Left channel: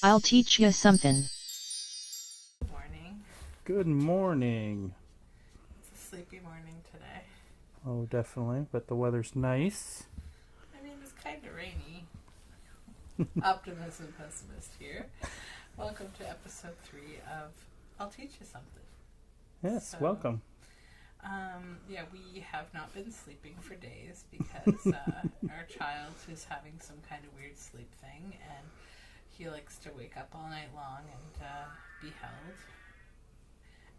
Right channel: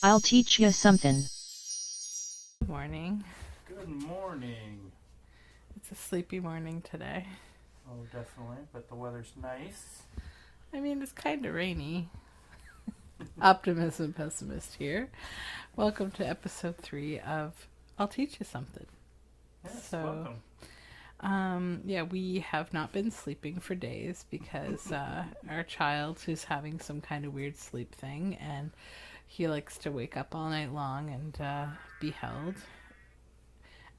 I'll teach you something. Good morning. Good morning. It's a sleepy morning today. Oh, definitely, but the weather's nice. I mean, it's kind of rainy. Optimism pessimist here. Welcome to episode 3 of I'll Teach You Something. Yes, welcome. Yeah, we have not been sleeping for days because our child is having some kind of weird sleep thing, and he likes to wake up all night long and be held.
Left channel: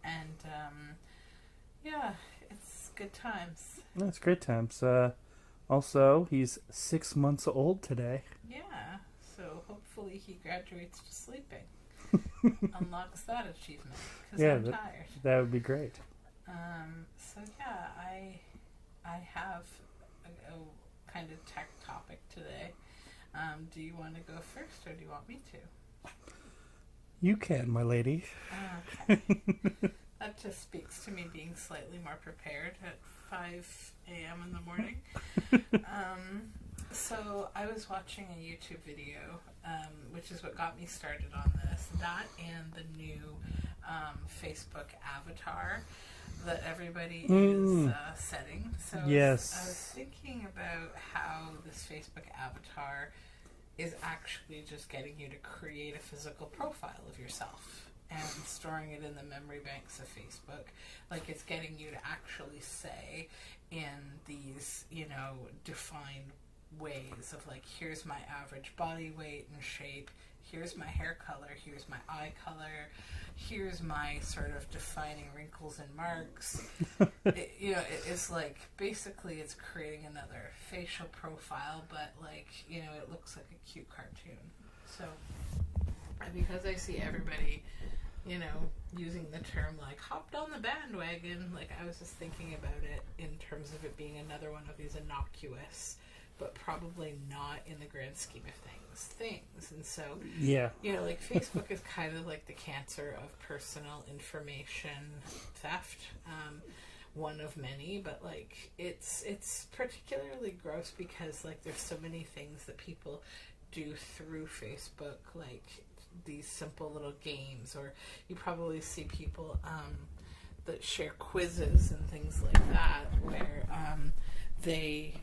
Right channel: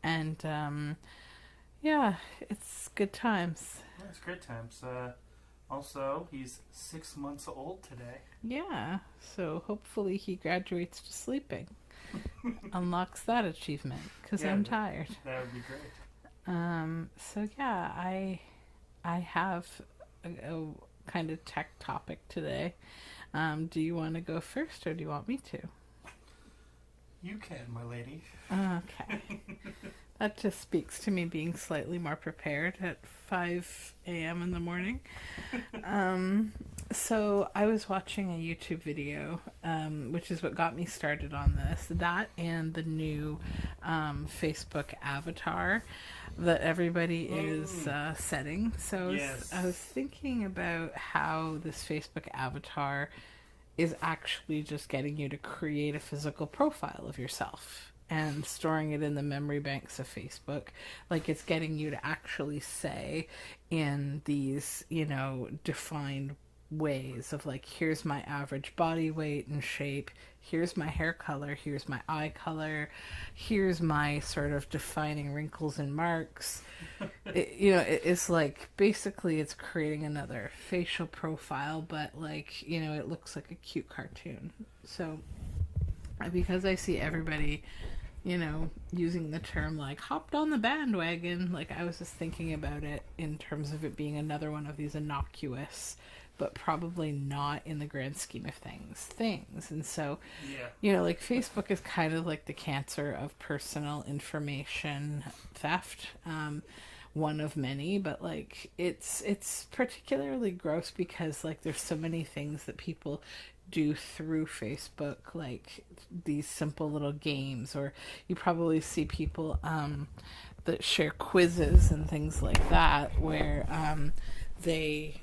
And yeah, it's good times. That's great times. Also, he's 6 months old today. Yeah, so hopefully he graduates to sleeping. Unlocks that achievement because I'm tired. That would be great. So yeah, I have a kind of tech topic today. Do you want to go first or do you want me to? You can, my lady. Okay. That just speaks to me being slightly more prepared at 5 a.m. in the morning. So I was watching a YouTube video, which is what got me started on this. That and the new Facebook avatar that everybody is setting. So Yes. I was thinking about how this Facebook avatar is actually just getting you to create a physical profile of yourself and storing it in the memory banks of Facebook. Like, it's getting you to actually say in these, defined ways of like, here's my average body weight and shape, here's my hair color, here's my eye color, here's my sort of defining wrinkles and marks. It's like, basically it's creating another facial profile, but like, it looks like a cute cartoon. So because I see everybody using the term like hopped on the bandwagon, like I was just thinking about it in terms of it being another one of these innocuous but probably not in the grand scheme of things. And so Yeah. like Facebook is kind of like the cancer of personal information theft, one of many, but like it's particularly gross because like there's so many things that people do through Facebook, like these simple little games, or you probably see people that share quizzes and things like that where they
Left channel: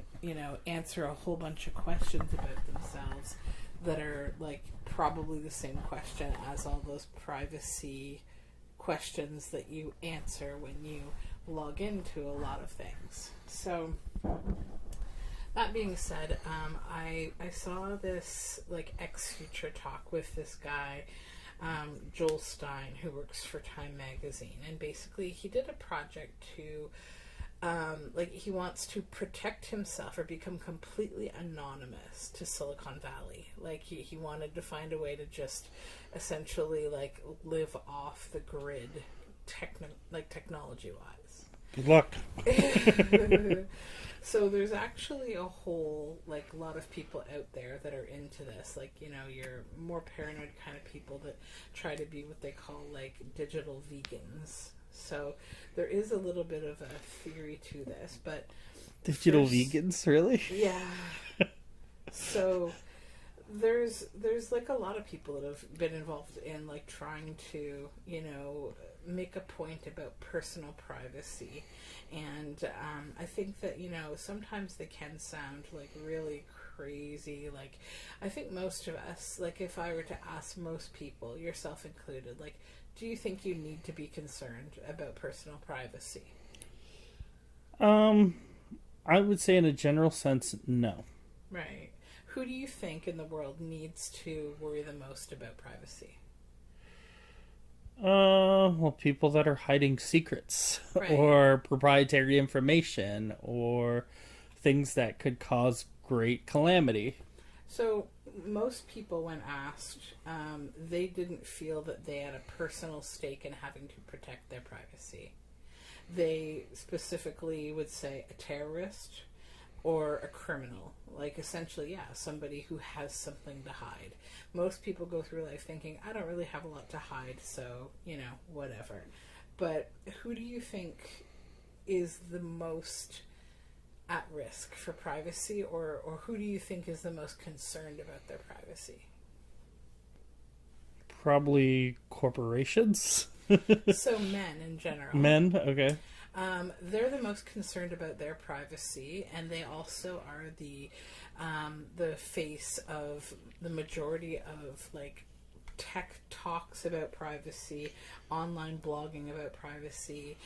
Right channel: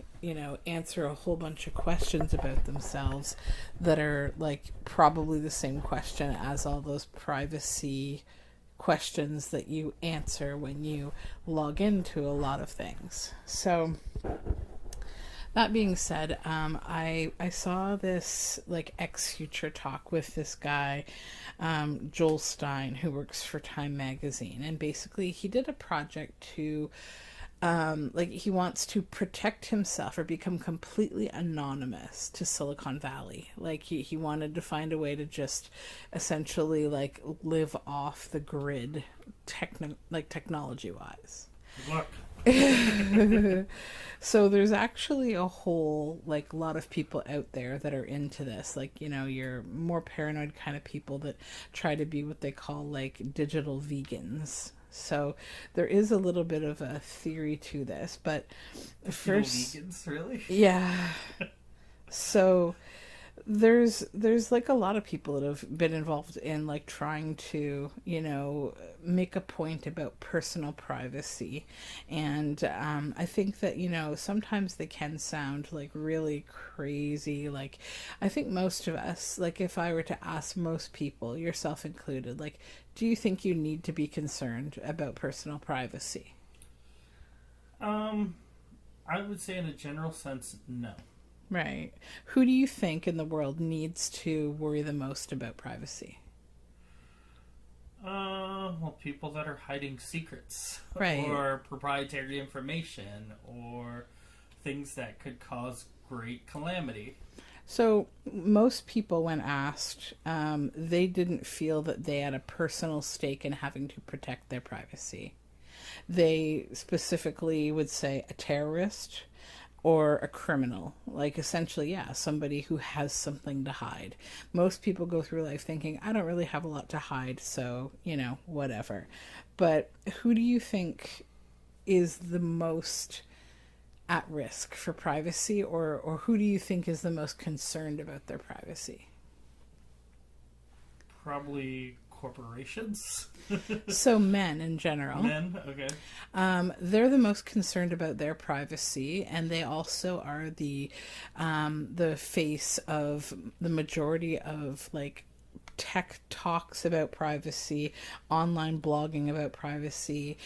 answer a whole bunch of questions about themselves that are like probably the same question as all those privacy questions that you answer when you log into a lot of things. So that being said, I saw this like X Future talk with this guy, Joel Stein, who works for Time Magazine, and basically he did a project to like he wants to protect himself or become completely anonymous to Silicon Valley. Like he wanted to find a way to just essentially like live off the grid technology wise. Good luck. So there's actually a whole like lot of people out there that are into this, like your more paranoid kind of people that try to be what they call like digital vegans. So there is a little bit of a theory to this, but Digital vegans, really? yeah. So there's like a lot of people that have been involved in like trying to make a point about personal privacy, and I think that sometimes they can sound like really crazy. Like I think most of us, like if I were to ask most people, yourself included, like, do you think you need to be concerned about personal privacy? I would say in a general sense, no. Right. Who do you think in the world needs to worry the most about privacy? Well, people that are hiding secrets Right. or proprietary information or things that could cause great calamity. So most people, when asked, they didn't feel that they had a personal stake in having to protect their privacy. They specifically would say a terrorist or a criminal, like essentially, yeah, somebody who has something to hide. Most people go through life thinking, I don't really have a lot to hide, so whatever. But who do you think is the most at risk for privacy, or who do you think is the most concerned about their privacy? Probably corporations. So men in general. Men, okay. They're the most concerned about their privacy, and they also are the face of the majority of like tech talks about privacy, online blogging about privacy,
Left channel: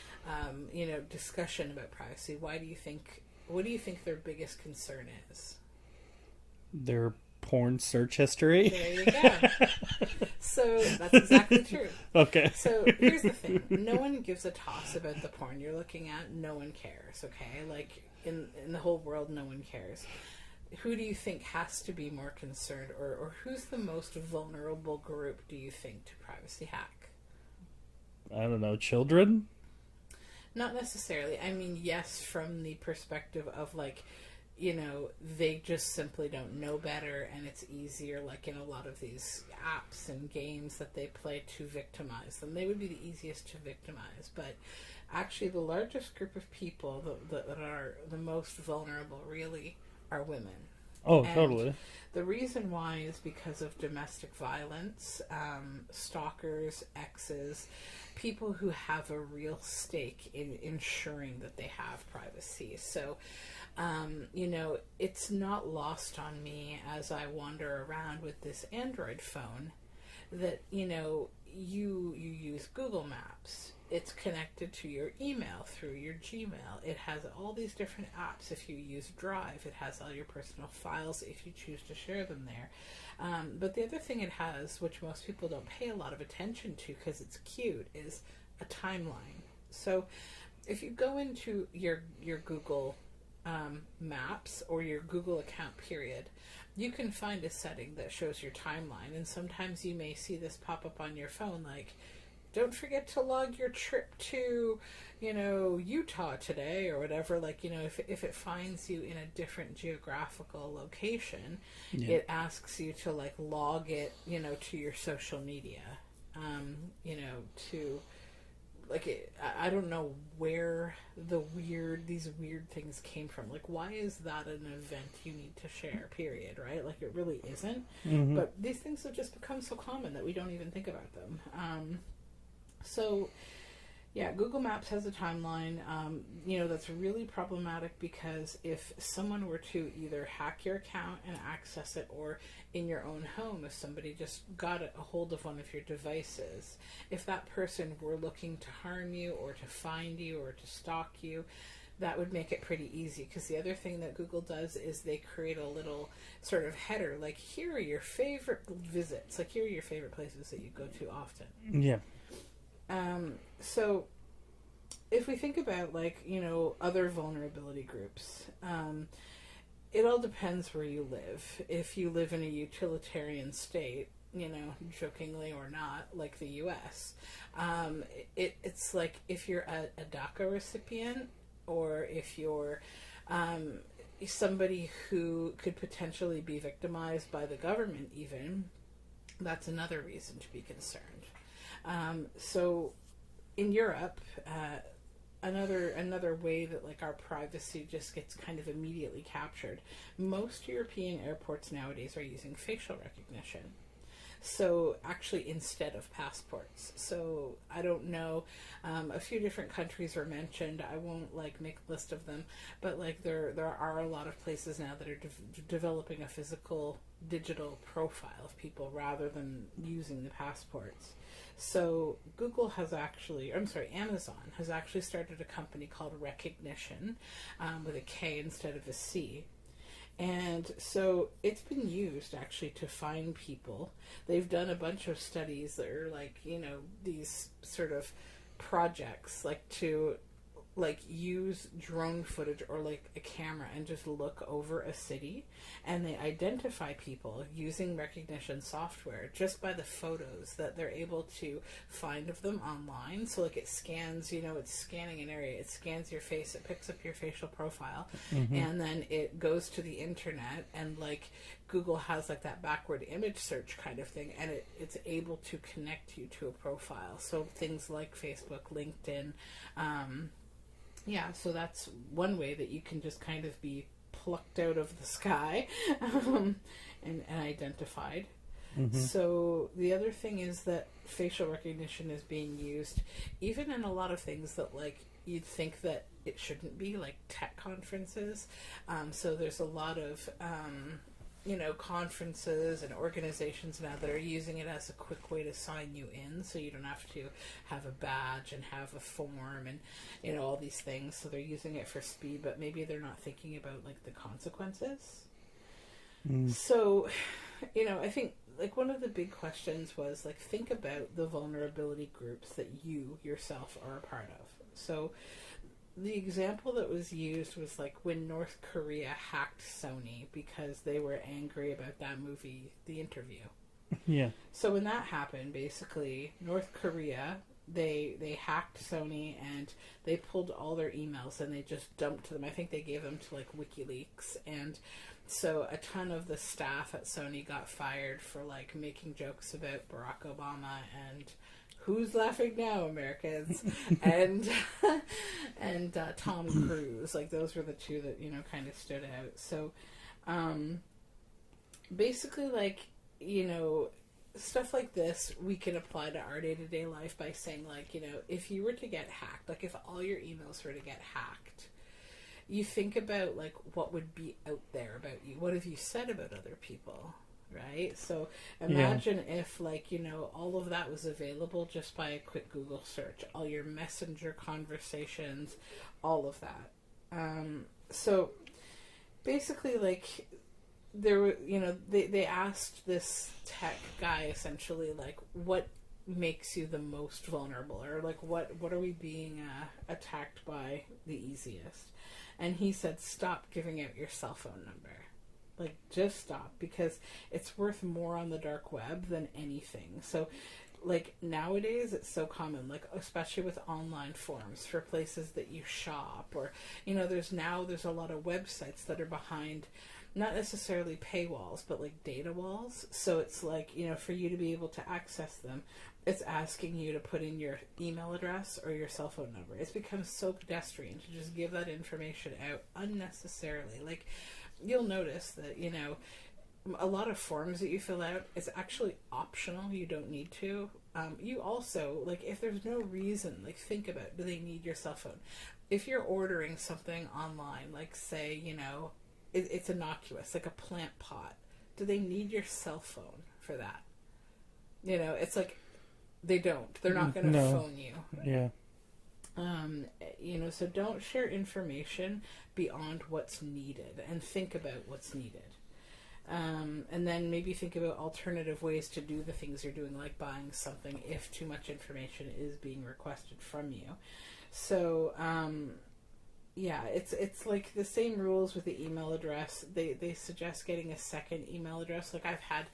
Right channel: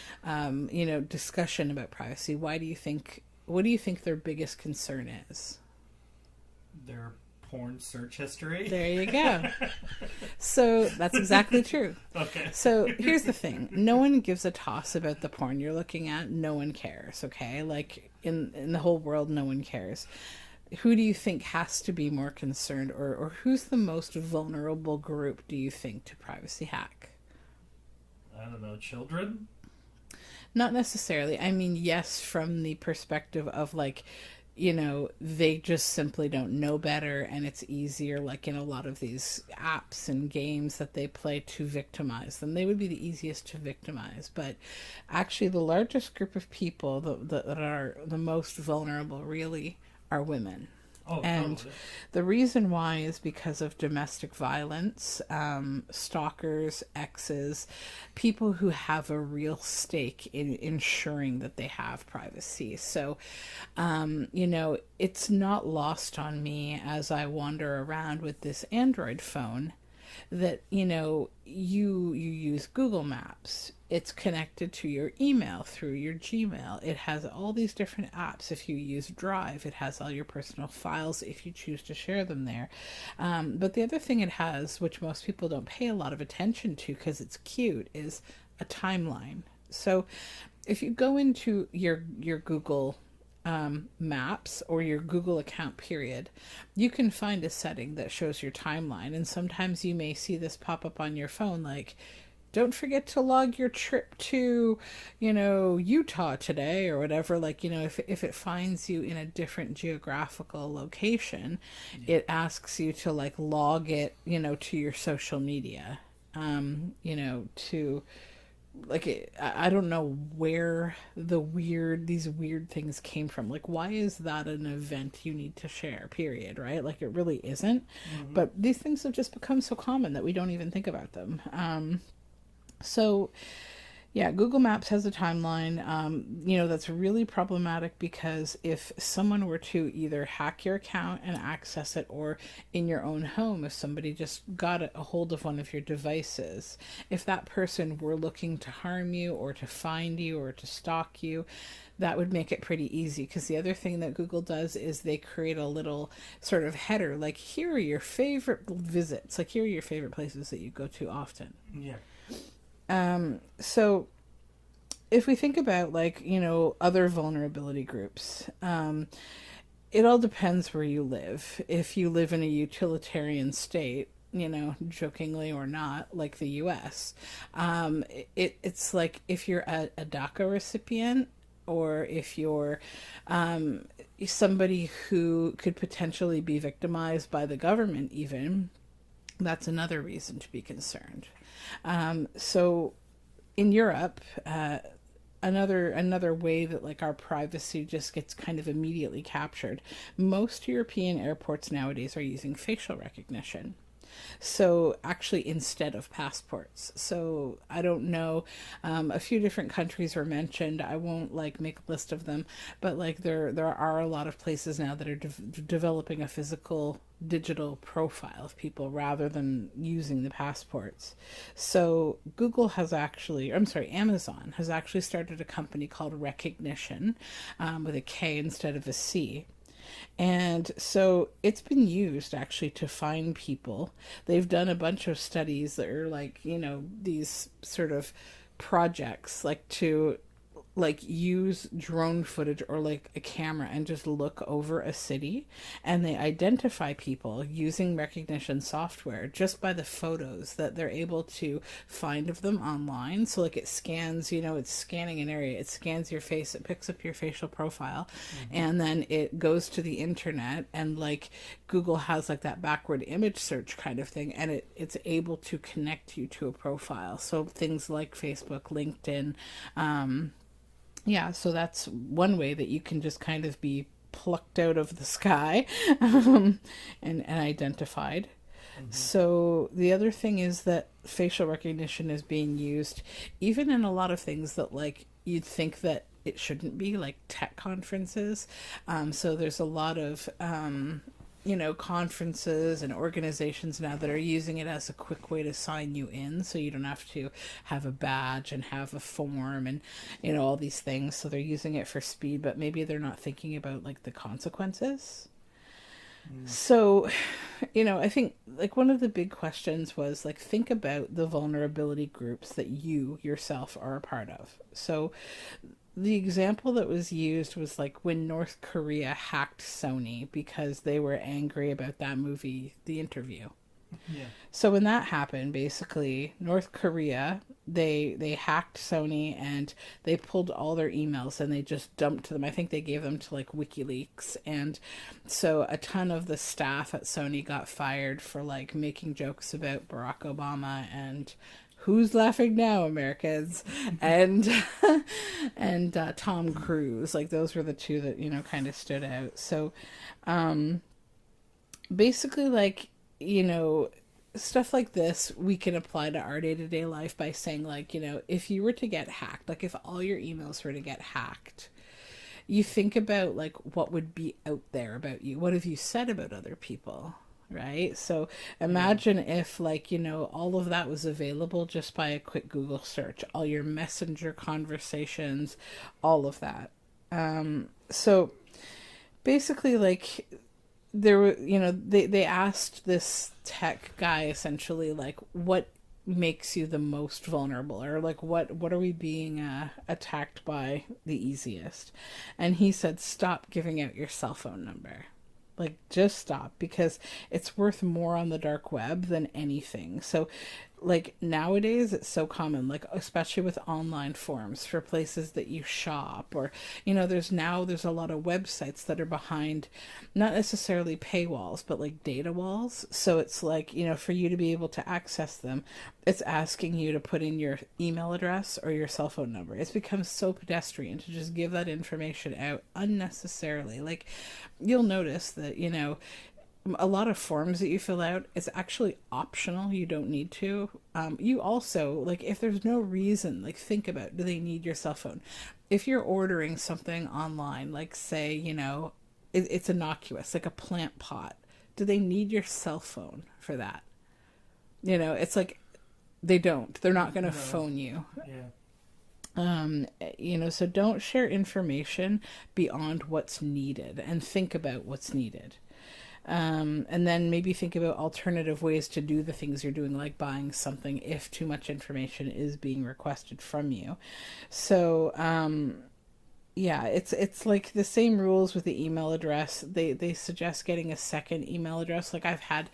discussion about privacy. What do you think their biggest concern is? Their porn search history. There you go. So that's exactly true. Okay. So here's the thing. No one gives a toss about the porn you're looking at. No one cares, okay? Like in the whole world, no one cares. Who do you think has to be more concerned, or who's the most vulnerable group, do you think, to privacy hack? I don't know, children? Not necessarily. I mean, yes, from the perspective of like, they just simply don't know better, and it's easier, like in a lot of these apps and games that they play, to victimize them. They would be the easiest to victimize. But actually, the largest group of people that are the most vulnerable really are women. Oh, And totally. the reason why is because of domestic violence, stalkers, exes, people who have a real stake in ensuring that they have privacy. So, it's not lost on me as I wander around with this Android phone that, you use Google Maps. It's connected to your email through your Gmail. It has all these different apps. If you use Drive, it has all your personal files if you choose to share them there. But the other thing it has, which most people don't pay a lot of attention to because it's cute, is a timeline. So if you go into your Google Maps or your Google account period, you can find a setting that shows your timeline. And sometimes you may see this pop up on your phone, like, don't forget to log your trip to, Utah today, or whatever. Like, if it finds you in a different geographical location, it asks you to like log it, to your social media, to like I don't know where these weird things came from. Like, why is that an event you need to share, period, right? Like, it really isn't. Mm-hmm. But these things have just become so common that we don't even think about them. So, yeah, Google Maps has a timeline. That's really problematic because if someone were to either hack your account and access it, or in your own home, if somebody just got a hold of one of your devices, if that person were looking to harm you or to find you or to stalk you, that would make it pretty easy. Because the other thing that Google does is they create a little sort of header, like, here are your favorite visits, like, here are your favorite places that you go to often. Yeah. So if we think about like, other vulnerability groups, it all depends where you live. If you live in a utilitarian state, jokingly or not, like the US, it's like if you're a DACA recipient, or if you're somebody who could potentially be victimized by the government even, that's another reason to be concerned. So in Europe, another way that like our privacy just gets kind of immediately captured, most European airports nowadays are using facial recognition. So actually, instead of passports. So I don't know, a few different countries were mentioned. I won't like make a list of them, but like there are a lot of places now that are developing a physical digital profile of people rather than using the passports. So Amazon has actually started a company called Rekognition, with a K instead of a C. And so it's been used actually to find people. They've done a bunch of studies that are like, these sort of projects, like to like use drone footage or like a camera and just look over a city, and they identify people using recognition software just by the photos that they're able to find of them online. So like it scans, it's scanning an area, it scans your face, it picks up your facial profile, and then it goes to the internet, and like Google has like that backward image search kind of thing, and it's able to connect you to a profile. So things like Facebook, LinkedIn, so that's one way that you can just kind of be plucked out of the sky and identified. So the other thing is that facial recognition is being used even in a lot of things that like you'd think that it shouldn't be, like tech conferences. So there's a lot of conferences and organizations now that are using it as a quick way to sign you in, so you don't have to have a badge and have a form and all these things. So they're using it for speed, but maybe they're not thinking about like the consequences. So, I think like one of the big questions was like, think about the vulnerability groups that you yourself are a part of. So the example that was used was like when North Korea hacked Sony because they were angry about that movie, The Interview. Yeah. So when that happened, basically North Korea, they hacked Sony and they pulled all their emails and they just dumped them. I think they gave them to like WikiLeaks, and so a ton of the staff at Sony got fired for like making jokes about Barack Obama and who's laughing now, Americans, and Tom Cruise. Like those were the two that kind of stood out. So basically, like stuff like this we can apply to our day-to-day life by saying like, if you were to get hacked, like if all your emails were to get hacked, you think about like what would be out there about you. What have you said about other people? Right? So imagine if like, all of that was available just by a quick Google search, all your messenger conversations, all of that. So basically like there were, they asked this tech guy essentially like, what makes you the most vulnerable, or like what are we being attacked by the easiest? And he said, stop giving out your cell phone number. Like, just stop, because it's worth more on the dark web than anything. So like nowadays it's so common, like especially with online forums for places that you shop, or there's a lot of websites that are behind not necessarily paywalls but like data walls. So it's like, for you to be able to access them, it's asking you to put in your email address or your cell phone number. It's become so pedestrian to just give that information out unnecessarily. Like you'll notice that a lot of forms that you fill out, it's actually optional. You don't need to. You also, like, if there's no reason, like, think about, do they need your cell phone? If you're ordering something online, like, say, it's innocuous, like a plant pot, do they need your cell phone for that? It's like, they don't. They're not going to phone you. Yeah. So don't share information beyond what's needed, and think about what's needed. And then maybe think about alternative ways to do the things you're doing, like buying something if too much information is being requested from you. So, it's like the same rules with the email address. They suggest getting a second email address. Like I've had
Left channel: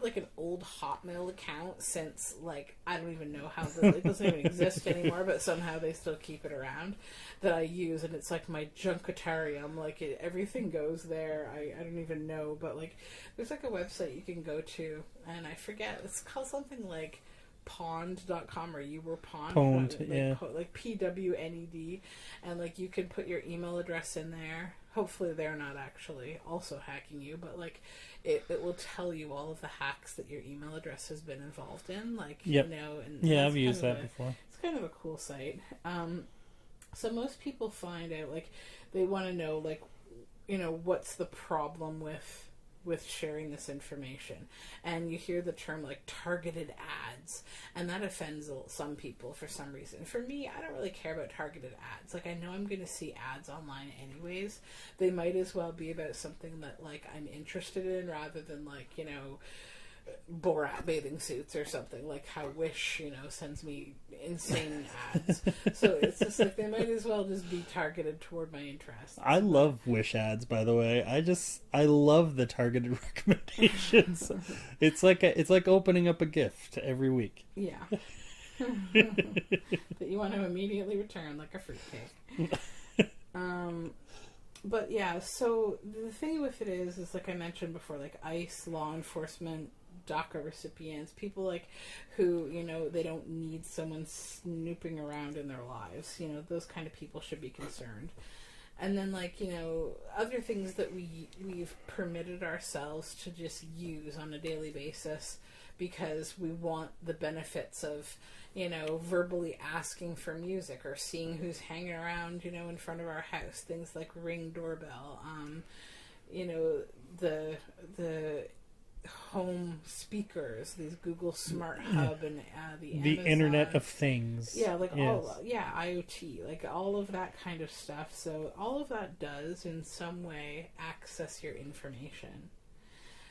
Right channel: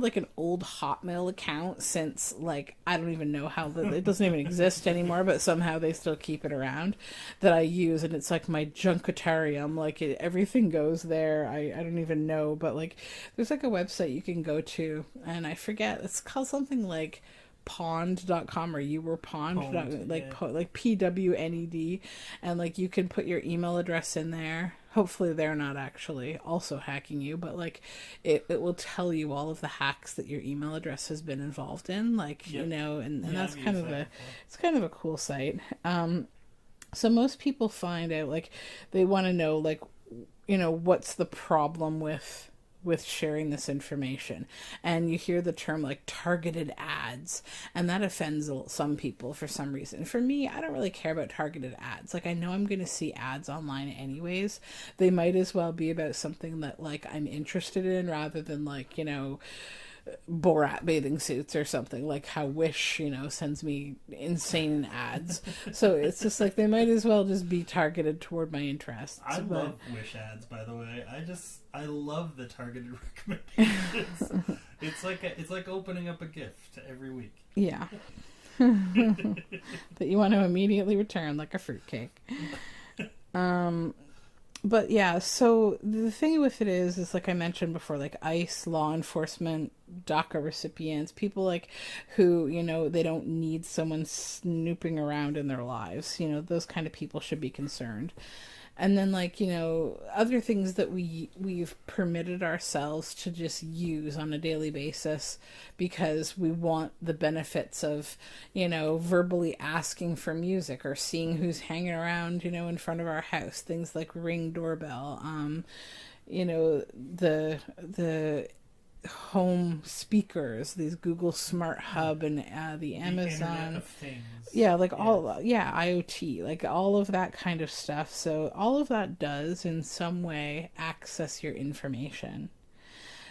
like an old Hotmail account since like, I don't even know how it doesn't even exist anymore, but somehow they still keep it around, that I use, and it's like my junkatarium. Like everything goes there. I don't even know, but like there's like a website you can go to, and I forget, it's called something like pond.com, or you were pond, like PWNED, and like you can put your email address in there. Hopefully they're not actually also hacking you, but like it will tell you all of the hacks that your email address has been involved in, like and that's I've used that before. It's kind of a cool site. So most people find out, like, they want to know, like, what's the problem with sharing this information, and you hear the term like targeted ads, and that offends some people for some reason. For me, I don't really care about targeted ads. Like, I know I'm going to see ads online anyways. They might as well be about something that like I'm interested in, rather than like Borat bathing suits or something, like how Wish sends me insane ads. So it's just like, they might as well just be targeted toward my interests. I love Wish ads, by the way. I love the targeted recommendations. It's like opening up a gift every week. Yeah. That you want to immediately return, like a fruitcake. But yeah, so the thing with it is like I mentioned before, like ICE, law enforcement, DACA recipients, people like who, they don't need someone snooping around in their lives. Those kind of people should be concerned. And then, like, you know, other things that we've permitted ourselves to just use on a daily basis because we want the benefits of, you know, verbally asking for music or seeing who's hanging around, you know, in front of our house. Things like Ring doorbell, you know, the home speakers, these Google Smart Hub and the Amazon Internet of Things. Yeah, like all, yeah, IoT, like all of that kind of stuff. So all of that does in some way access your information.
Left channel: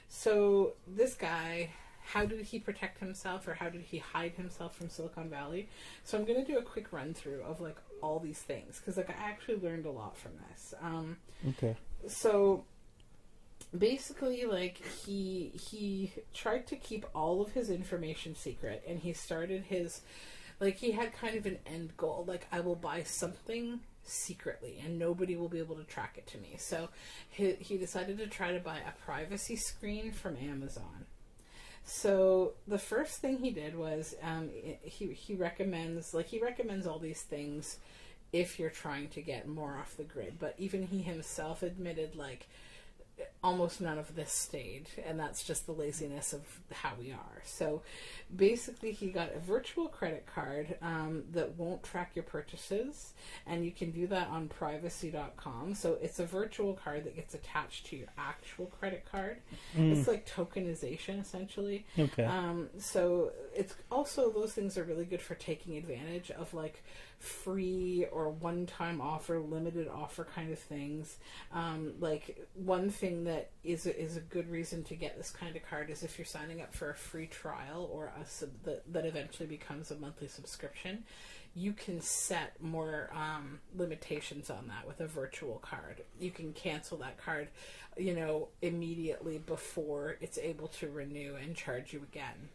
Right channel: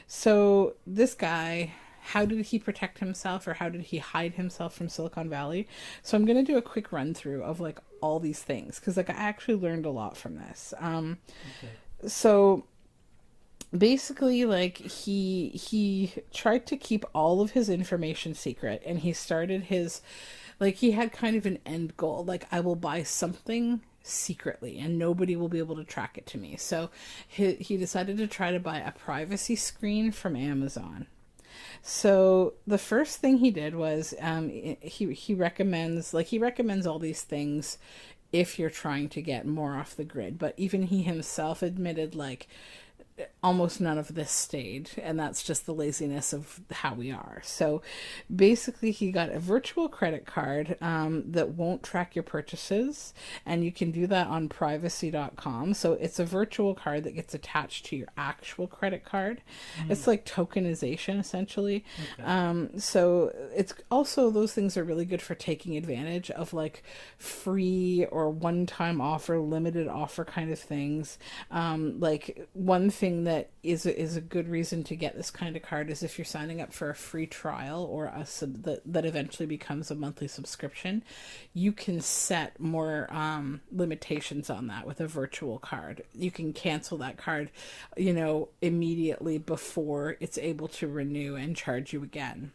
So this guy, how did he protect himself, or how did he hide himself from Silicon Valley? So I'm going to do a quick run through of like all these things, because like I actually learned a lot from this. Okay. So basically, like, he tried to keep all of his information secret, and he started his, like, he had kind of an end goal, like, I will buy something secretly and nobody will be able to track it to me. So he decided to try to buy a privacy screen from Amazon. So the first thing he did was he recommends all these things if you're trying to get more off the grid, but even he himself admitted, like, almost none of this stayed, and that's just the laziness of how we are. So basically he got a virtual credit card that won't track your purchases, and you can do that on privacy.com. So it's a virtual card that gets attached to your actual credit card. It's like tokenization essentially. Okay. So it's also, those things are really good for taking advantage of like free or one-time offer, limited offer kind of things. Like one thing that is a good reason to get this kind of card is if you're signing up for a free trial or that eventually becomes a monthly subscription, you can set more limitations on that with a virtual card. You can cancel that card, you know, immediately before it's able to renew and charge you again.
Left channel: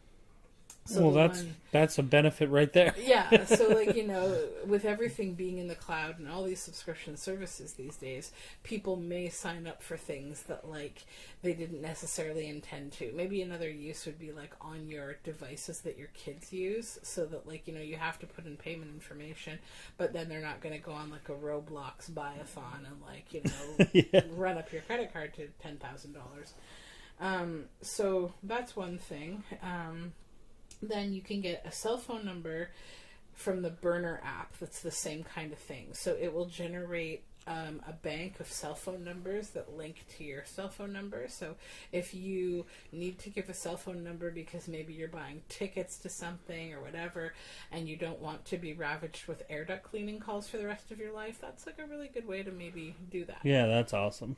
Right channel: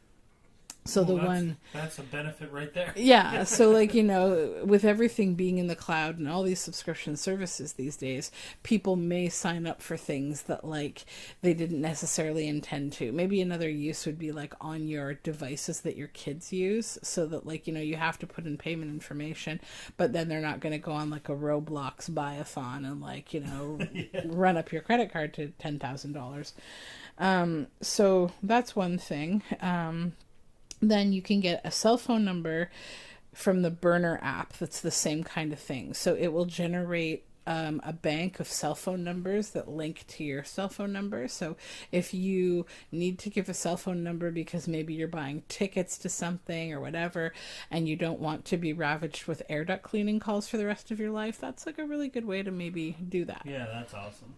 So well, that's a benefit right there. Yeah, so like, you know, with everything being in the cloud and all these subscription services these days, people may sign up for things that like they didn't necessarily intend to. Maybe another use would be like on your devices that your kids use, so that like, you know, you have to put in payment information, but then they're not going to go on like a Roblox buy-a-thon and like, you know, run up your credit card to $10,000. So that's one thing. Then you can get a cell phone number from the Burner app that's the same kind of thing. So it will generate a bank of cell phone numbers that link to your cell phone number. So if you need to give a cell phone number because maybe you're buying tickets to something or whatever, and you don't want to be ravaged with air duct cleaning calls for the rest of your life, that's like a really good way to maybe do that. Yeah, that's awesome.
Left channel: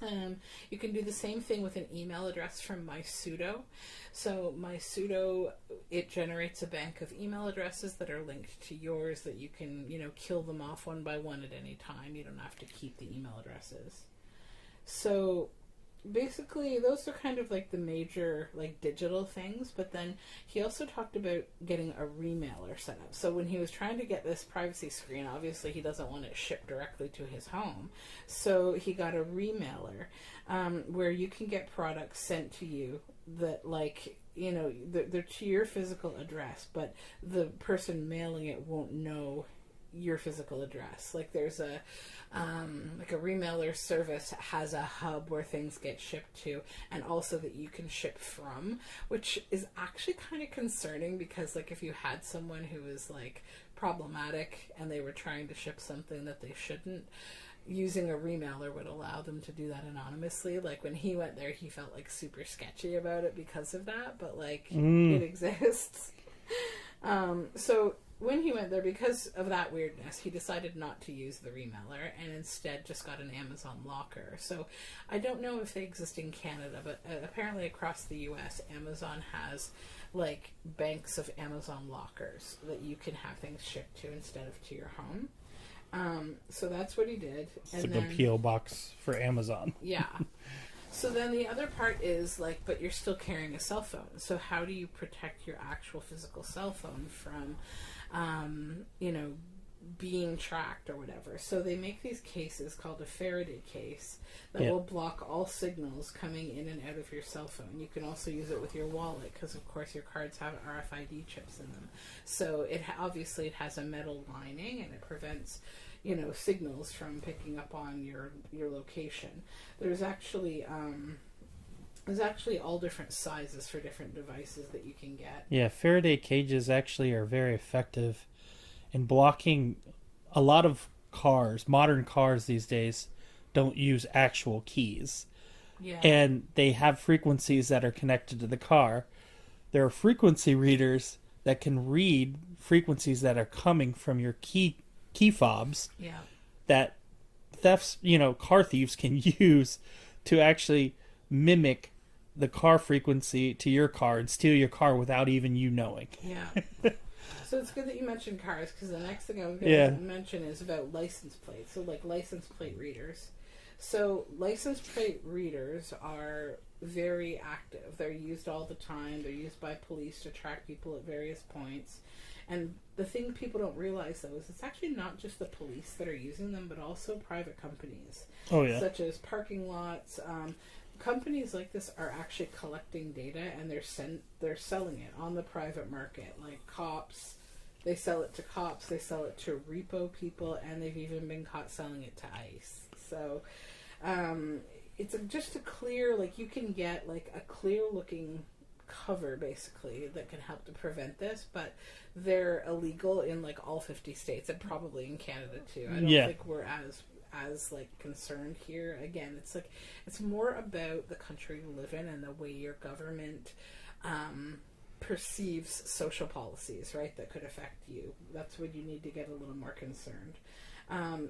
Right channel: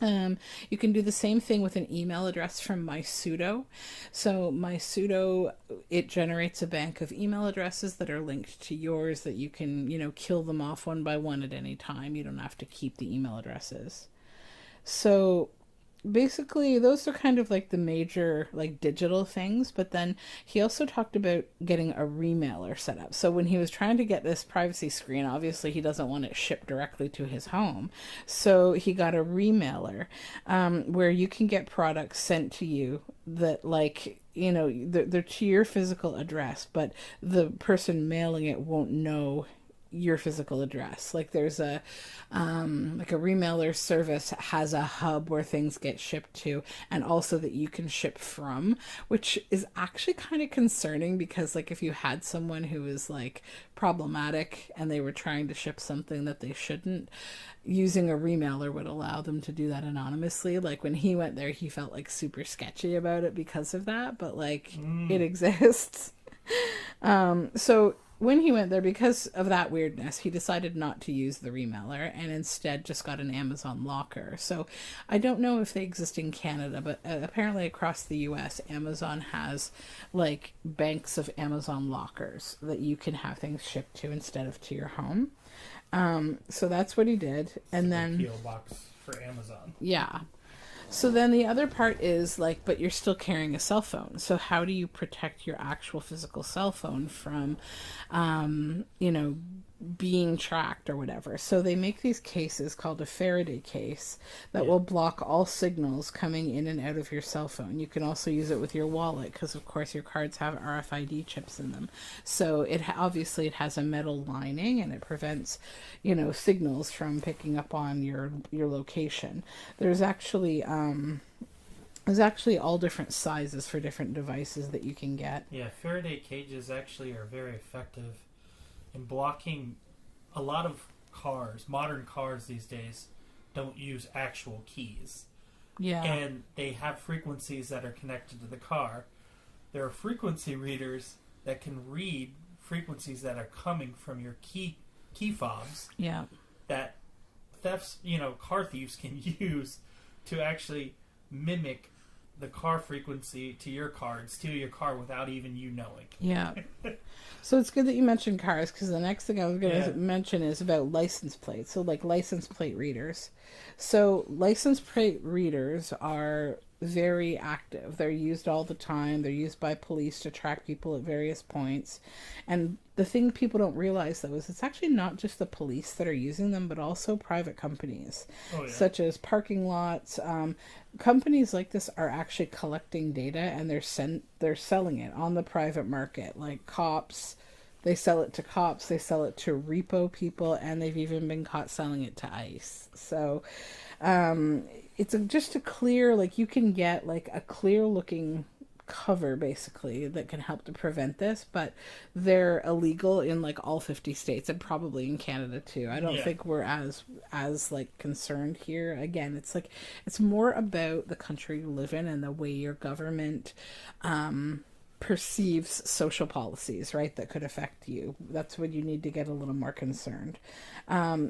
You can do the same thing with an email address from MySudo. So MySudo, it generates a bank of email addresses that are linked to yours that you can, you know, kill them off one by one at any time. You don't have to keep the email addresses. So basically those are kind of like the major like digital things, but then he also talked about getting a remailer set up. So when he was trying to get this privacy screen, obviously he doesn't want it shipped directly to his home, so he got a remailer where you can get products sent to you that, like, you know, they're to your physical address, but the person mailing it won't know your physical address. Like there's a like a remailer service has a hub where things get shipped to, and also that you can ship from, which is actually kind of concerning, because like if you had someone who was like problematic and they were trying to ship something that they shouldn't, using a remailer would allow them to do that anonymously. Like when he went there, he felt like super sketchy about it because of that, but like it exists. So when he went there, because of that weirdness, he decided not to use the remailer and instead just got an Amazon locker. So I don't know if they exist in Canada, but apparently across the US, Amazon has like banks of Amazon lockers that you can have things shipped to instead of to your home. So that's what he did. And then P.O. box for Amazon. Yeah. So then the other part is like, but you're still carrying a cell phone. So how do you protect your actual physical cell phone from, you know, being tracked or whatever. So they make these cases called a Faraday case that Yeah. will block all signals coming in and out of your cell phone. You can also use it with your wallet because, of course, your cards have RFID chips in them. So obviously it has a metal lining and it prevents, signals from picking up on your location. There's actually all different sizes for different devices that you can get. Yeah, Faraday cages actually are very effective in blocking. A lot of cars, modern cars these days, don't use actual keys. Yeah. And they have frequencies that are connected to the car. There are frequency readers that can read frequencies that are coming from your key fobs Yeah. that car thieves can use to actually mimic the car frequency to your car and steal your car without even you knowing. Yeah. So it's good that you mentioned cars, because the next thing I was going to mention is about license plates. So like license plate readers. So license plate readers are very active. They're used all the time. They're used by police to track people at various points. And the thing people don't realize, though, is it's actually not just the police that are using them, but also private companies. Oh, yeah. Such as parking lots. Companies like this are actually collecting data, and they're selling it on the private market. Like cops, they sell it to cops, they sell it to repo people, and they've even been caught selling it to ICE. So it's just a clear, like, you can get like a clear looking cover basically that can help to prevent this, but they're illegal in like all 50 states and probably in Canada too. I don't think we're as like concerned here. Again, it's like, it's more about the country you live in and the way your government perceives social policies, right, that could affect you. That's when you need to get a little more concerned.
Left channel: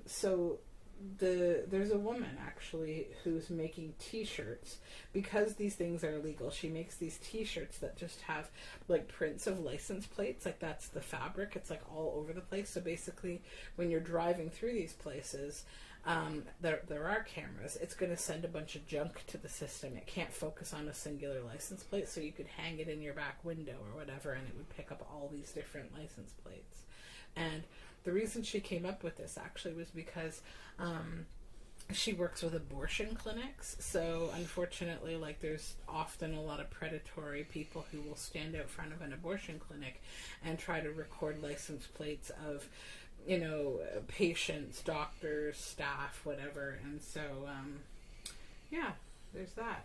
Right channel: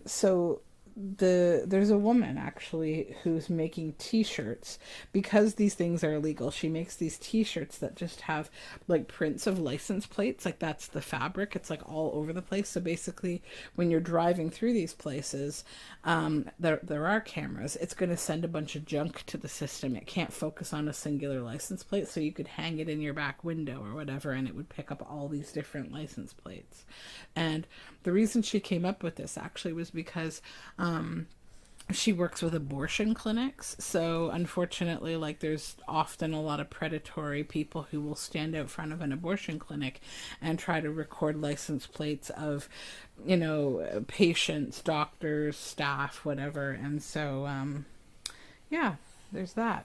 So there's a woman actually who's making t-shirts because these things are illegal. She makes these t-shirts that just have like prints of license plates, like that's the fabric, it's like all over the place. So basically when you're driving through these places, there are cameras. It's going to send a bunch of junk to the system. It can't focus on a singular license plate, so you could hang it in your back window or whatever and it would pick up all these different license plates. And the reason she came up with this actually was because she works with abortion clinics. So unfortunately, like, there's often a lot of predatory people who will stand out front of an abortion clinic and try to record license plates of, patients, doctors, staff, whatever. And so, there's that.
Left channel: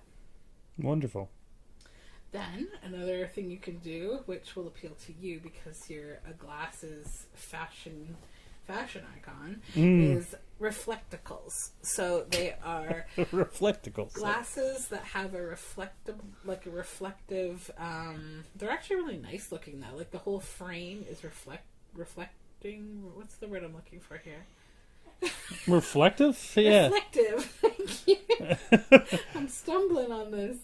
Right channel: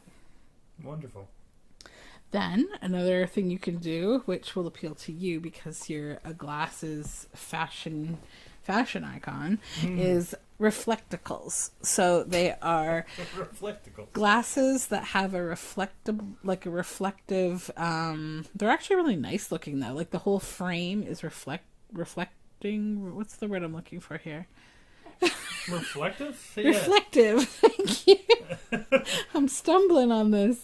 Wonderful. Then another thing you can do, which will appeal to you because you're a glasses fashion icon, is reflecticles. So they are reflecticles, glasses that have a reflective. They're actually really nice looking though. Like the whole frame is reflecting. What's the word I'm looking for here? Reflective? Yeah. Reflective. Thank you. I'm stumbling on this.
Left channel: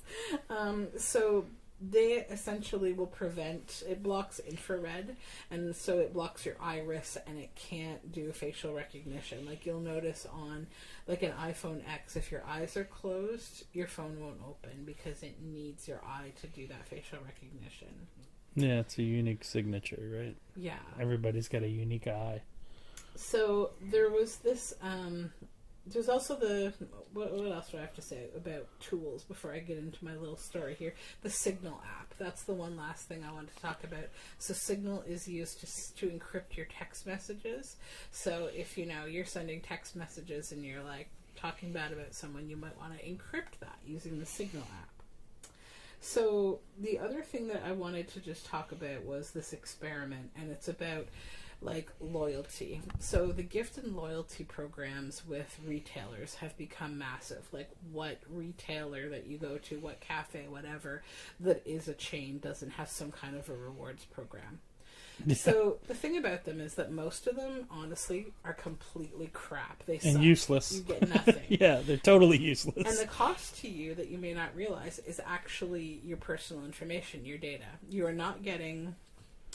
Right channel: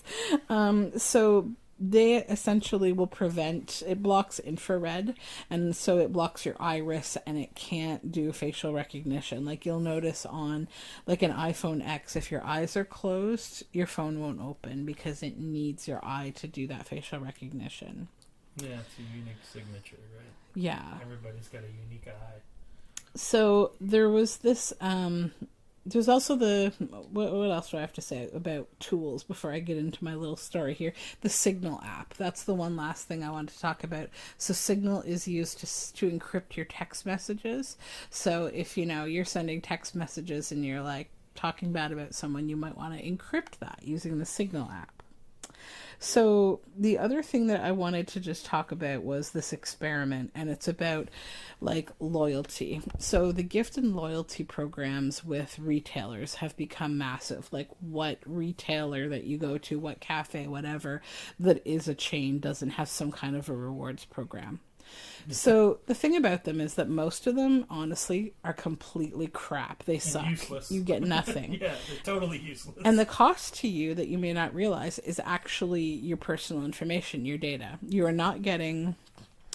So they essentially will it blocks infrared, and so it blocks your iris and it can't do facial recognition. Like you'll notice on like an iPhone X, if your eyes are closed, your phone won't open because it needs your eye to do that facial recognition. Yeah, it's a unique signature, right? Yeah. Everybody's got a unique eye. So there was this, there's also what else do I have to say about tools before I get into my little story here? The Signal app. That's the one last thing I wanted to talk about. So Signal is used to encrypt your text messages. So if, you're sending text messages and you're like talking bad about someone, you might want to encrypt that using the Signal app. So the other thing that I wanted to just talk about was this experiment, and it's about like loyalty. So the gift and loyalty programs with retailers have become massive. Like what retailer that you go to, what cafe, whatever, that is a chain doesn't have some kind of a rewards program. So the thing about them is that most of them, honestly, are completely crap. They suck. And useless. You get nothing. Yeah, they're totally useless. And the cost to you that you may not realize is actually your personal information, your data. You are not getting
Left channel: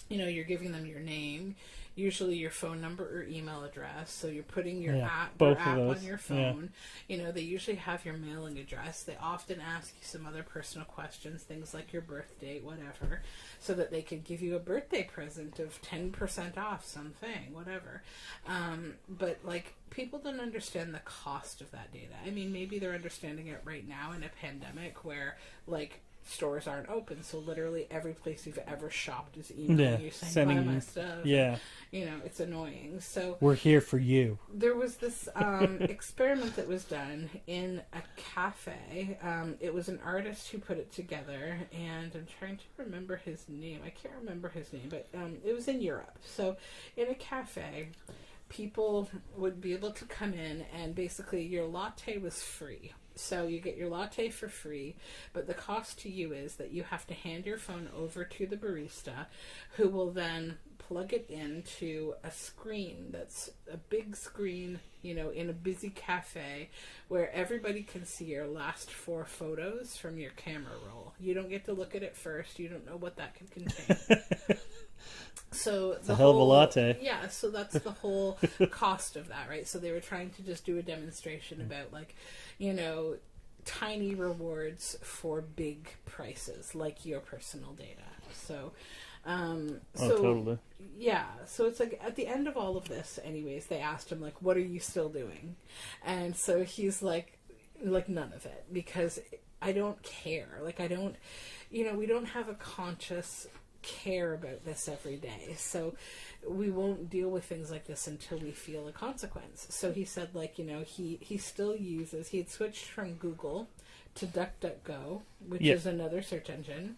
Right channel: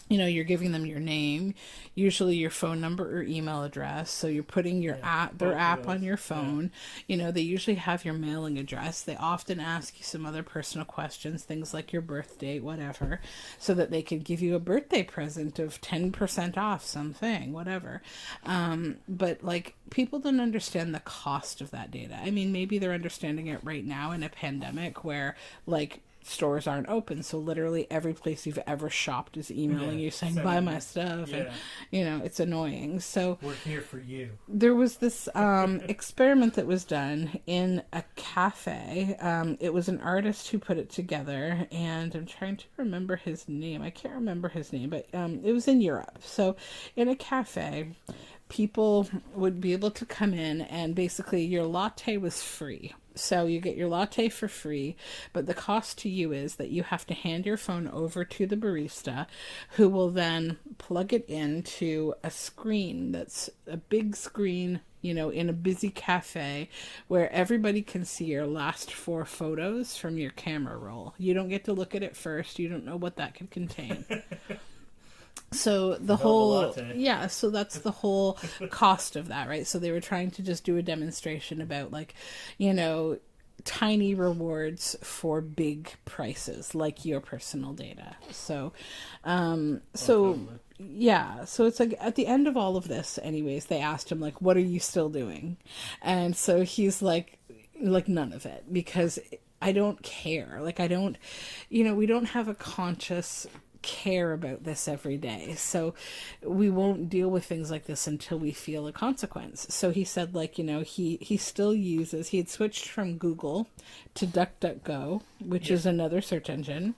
you're giving them your name, usually your phone number or email address. So you're putting your Yeah, app, both their of app those. on your Yeah. phone. They usually have your mailing address. They often ask you some other personal questions, things like your birth date, whatever, so that they can give you a birthday present of 10% off something, whatever. But like, people don't understand the cost of that data. I mean, maybe they're understanding it right now in a pandemic where, like, stores aren't open, so literally every place you've ever shopped is emailing you saying, buy sending my you- stuff. Yeah, And it's annoying. So we're here for you. there was this experiment that was done in a cafe. It was an artist who put it together, and I'm trying to remember his name. I can't remember his name, but it was in Europe. So in a cafe, people would be able to come in, and basically your latte was free. So you get your latte for free, but the cost to you is that you have to hand your phone over to the barista, who will then plug it into a screen that's a big screen, in a busy cafe where everybody can see your last 4 photos from your camera roll. You don't get to look at it first. You don't know what that could contain. So the a hell of a whole latte. yeah, so that's the whole cost of that, right? So they were trying to just do a demonstration about, like, tiny rewards for big prices, like your personal data. So Totally. yeah, so it's like at the end of all of this, anyways, they asked him, like, what are you still doing? And so he's like none of it, because I don't care. Like, I don't, we don't have a conscious care about this every day, so we won't deal with things like this until we feel a consequence. So he said, like, he still uses, he had switched from Google to DuckDuckGo, which Yeah. is another search engine,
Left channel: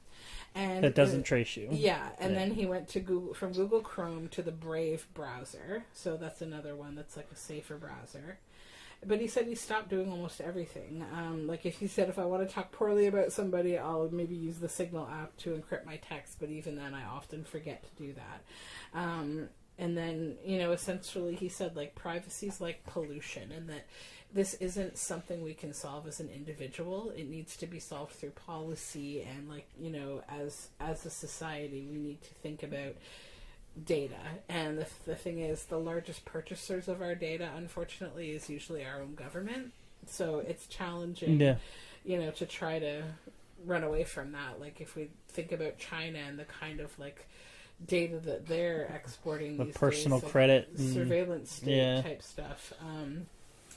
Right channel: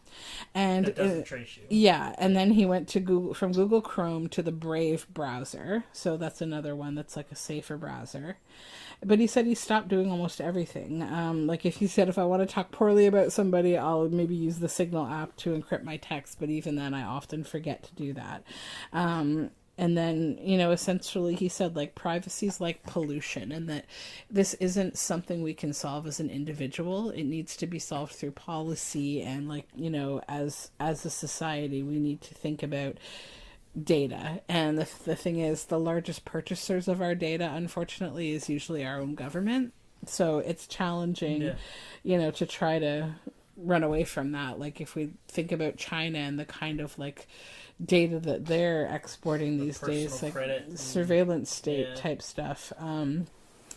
and That doesn't trace you. yeah, and then he went to Google, from Google Chrome to the Brave browser. So that's another one that's like a safer browser. But he said he stopped doing almost everything. Like, if he said, if I want to talk poorly about somebody, I'll maybe use the Signal app to encrypt my text. But even then, I often forget to do that. And then, essentially he said, like, privacy's like pollution, and that this isn't something we can solve as an individual. It needs to be solved through policy, and, like, as a society, we need to think about data. And the thing is, the largest purchasers of our data, unfortunately, is usually our own government. So it's challenging, to try to run away from that. Like, if we think about China and the kind of, like, data that they're exporting these personal days, like credit, surveillance state type stuff.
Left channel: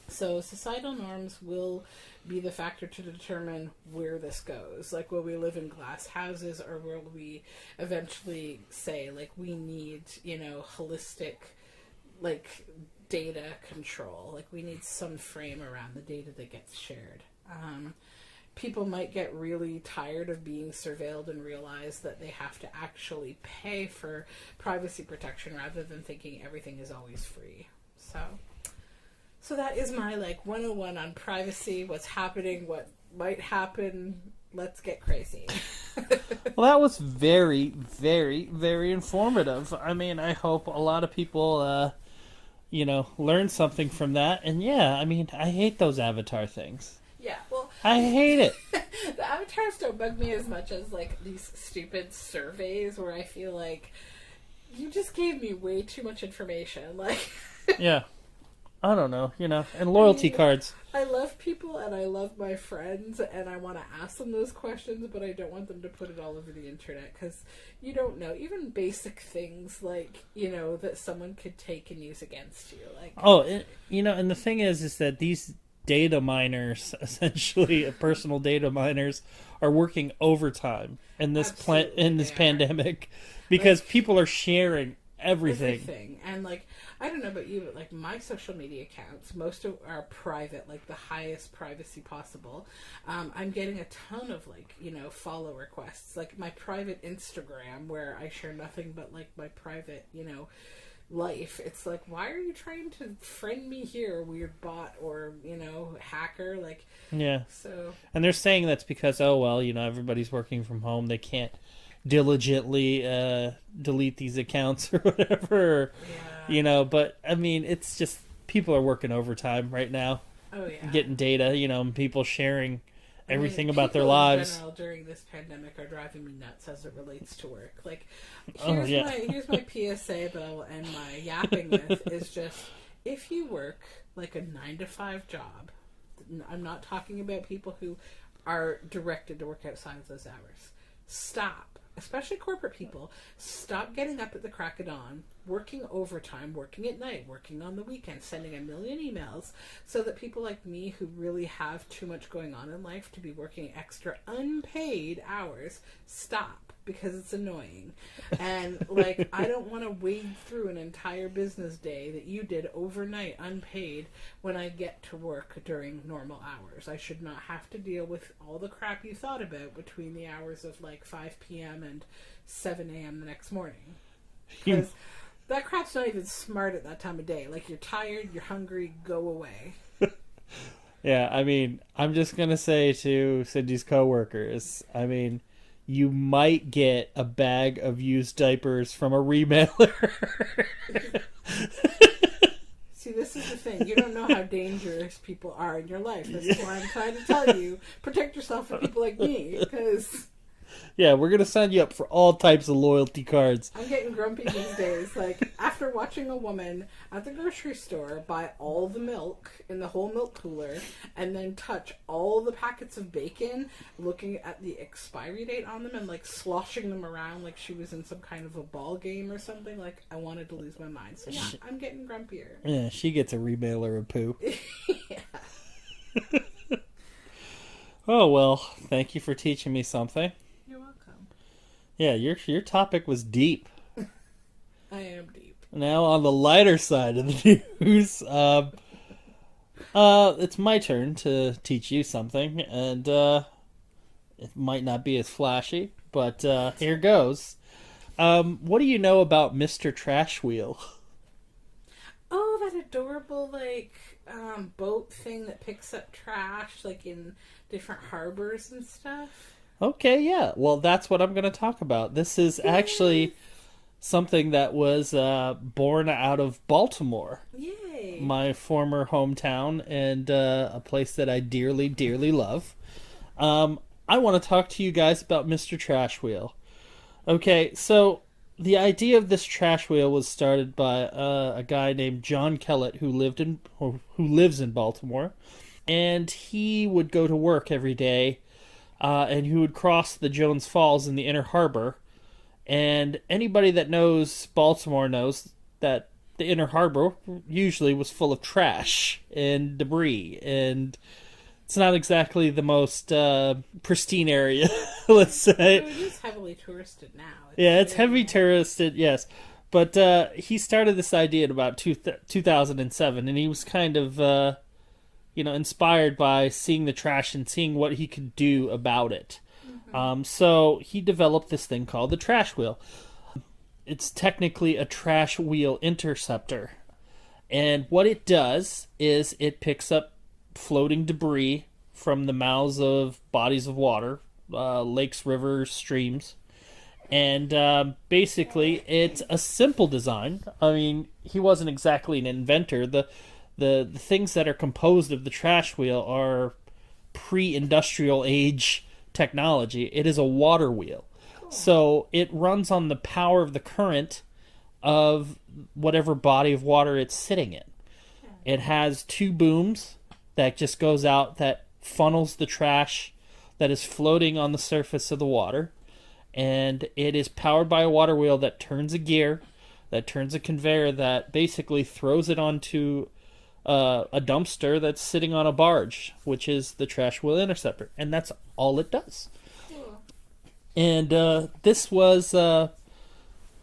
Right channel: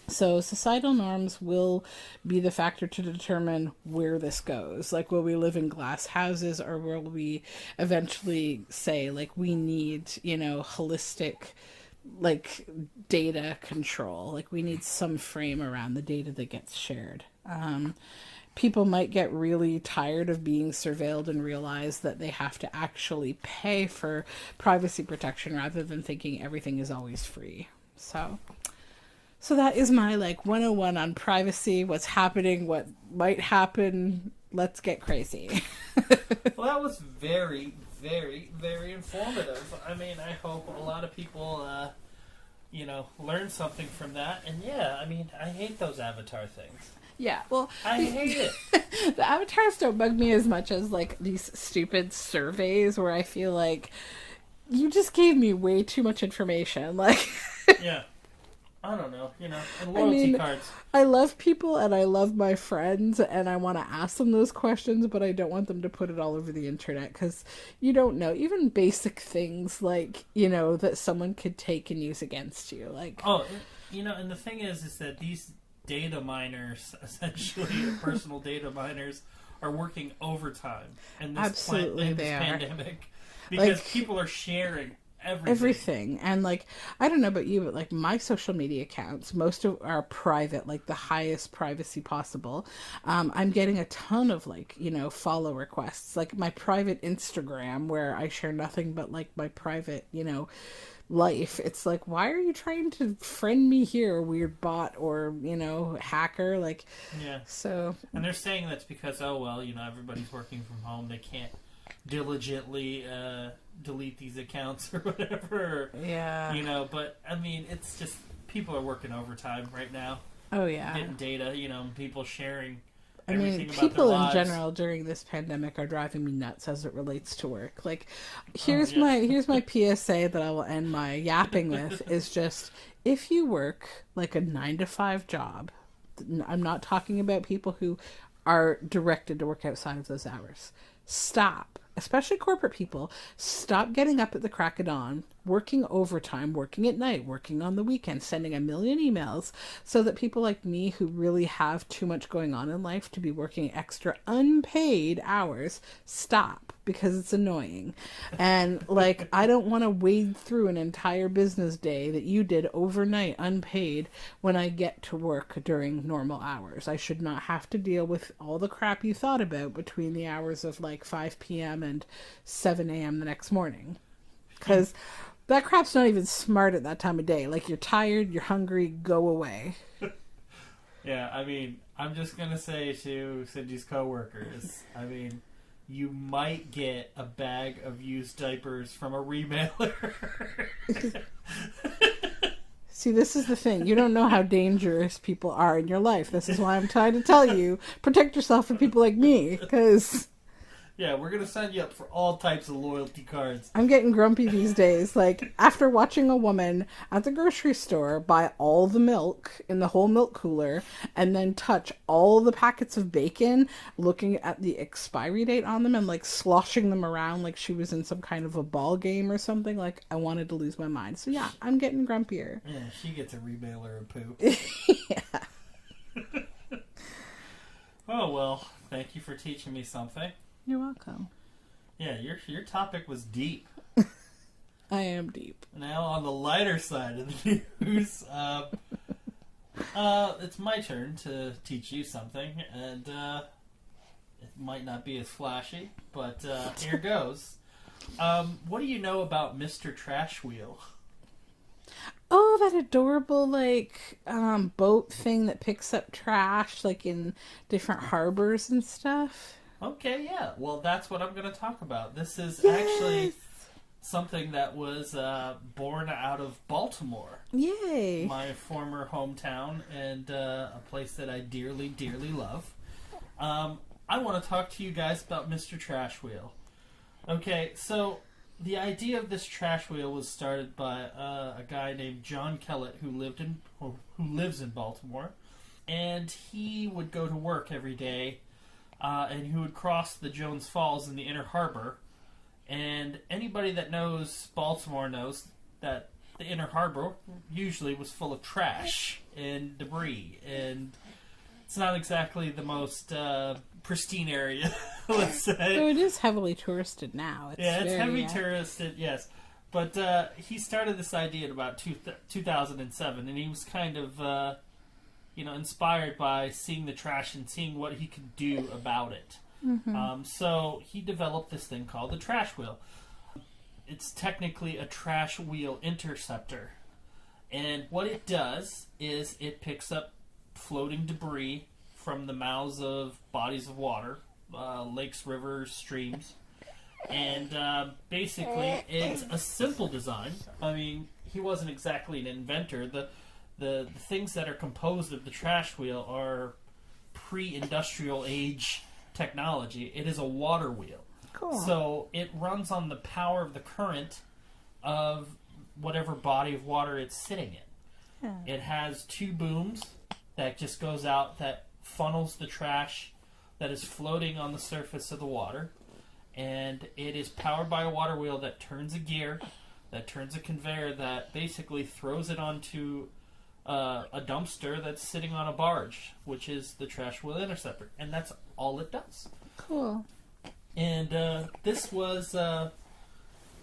So societal norms will be the factor to determine where this goes. Like, will we live in glass houses, or will we eventually say, like, we need, holistic, like, data control? Like, we need some frame around the data that gets shared. People might get really tired of being surveilled and realize that they have to actually pay for privacy protection rather than thinking everything is always free. So that is my, like, 101 on privacy, what's happening, what might happen. Let's get crazy. Well, that was very, very, very informative. I mean, I hope a lot of people, learn something from that. And yeah, I mean, I hate those avatar things. Yeah, well, I hate it. the avatars don't bug me as much as, like, these stupid surveys where I feel like you just gave me way too much information. Like, Yeah. I don't know, and loyalty cards. I love people and I love my friends and I want to ask them those questions, but I don't want them to put it all over the internet, because you don't know. Even basic things like, that someone could take and use against you. Like, And the thing is that these data miners, essentially personal data miners, are working overtime in this pandemic, because people are sharing everything. And, like, I don't know about you, but, like, my social media accounts, most of are private, like the highest privacy possible. I'm getting a ton of, like, follow requests, like my private Instagram, where I share nothing but, like, my private, life. It's like, why are you trying to friend me here, weird bot or hacker? Like, yeah. So, and they're saying that's because everybody's working from home, they can't diligently delete these accounts or whatever. Yeah. But I mean, it's just people are working overtime right now. Oh yeah. Getting data, people sharing everything about their lives. People in general during this pandemic are driving me nuts as it relates to work. Like, here's my PSA that I will end my yapping with is just, if you work like a 9-to-5 job, I'm not talking about people who are directed to work outside of those hours. Stop. Especially corporate people, stop getting up at the crack of dawn, working overtime, working at night, working on the weekend, sending a million emails, so that people like me who really have too much going on in life to be working extra unpaid hours stop, because it's annoying. And like, I don't want to wade through an entire business day that you did overnight unpaid when I get to work during normal hours. I should not have to deal with all the crap you thought about between the hours of like 5 p.m. and 7 a.m. the next morning. Because that crap's not even smart at that time of day. Like, you're tired, you're hungry, go away. Yeah, I mean, I'm just going to say to Cindy's coworkers, I mean, you might get a bag of used diapers from a remailer. See, this is the thing. You don't know how dangerous people are in your life. This is why I'm trying to tell you, protect yourself from people like me, because... Yeah, we're going to sign you up for all types of loyalty cards. I'm getting grumpy these days. Like, after watching a woman at the grocery store buy all the milk in the whole milk cooler and then touch all the packets of bacon, looking at the expiry date on them and, like, sloshing them around like she was in some kind of a ball game or something, like, I wanted to lose my mind. So, yeah, I'm getting grumpier. Yeah, she gets a remailer of poo. Yeah. Oh, well, thank you for teaching me something. You're welcome. Yeah, your topic was deep. I am deep. Now on the lighter side of the news, it's my turn to teach you something, and it might not be as flashy, but here goes. What do you know about Mr. Trash Wheel? Oh, that adorable, like, boat thing that picks up trash, like, in different harbors and stuff. Okay, yeah. Well, that's what I'm going to talk about. This is actually something that was born out of Baltimore. Yay. My former hometown, and a place that I dearly, dearly love. I want to talk to you guys about Mr. Trash Wheel. Okay, so the idea of this trash wheel was started by a guy named John Kellett who lives in Baltimore, and he would go to work every day. And he would cross the Jones Falls in the Inner Harbor. And anybody that knows Baltimore knows that the Inner Harbor usually was full of trash and debris. And it's not exactly the most pristine area, let's say. So it is heavily touristed now. It's heavily touristed, yes. But he started this idea in about 2007, and he was kind of... inspired by seeing the trash and seeing what he could do about it. Mm-hmm. So he developed this thing called the trash wheel. It's technically a trash wheel interceptor. And what it does is it picks up floating debris from the mouths of bodies of water, lakes, rivers, streams. And basically, it's a simple design. I mean, he wasn't exactly an inventor. The things that are composed of the trash wheel are pre-industrial age technology. It is a water wheel. Cool. So it runs on the power of the current of whatever body of water it's sitting in. Yeah. It has 2 booms that just goes out that funnels the trash that is floating on the surface of the water. And it is powered by a water wheel that turns a gear, that turns a conveyor that basically throws it onto a dumpster that's sitting on a barge, which is the trash wheel interceptor, and that's all it does. Cool. And this was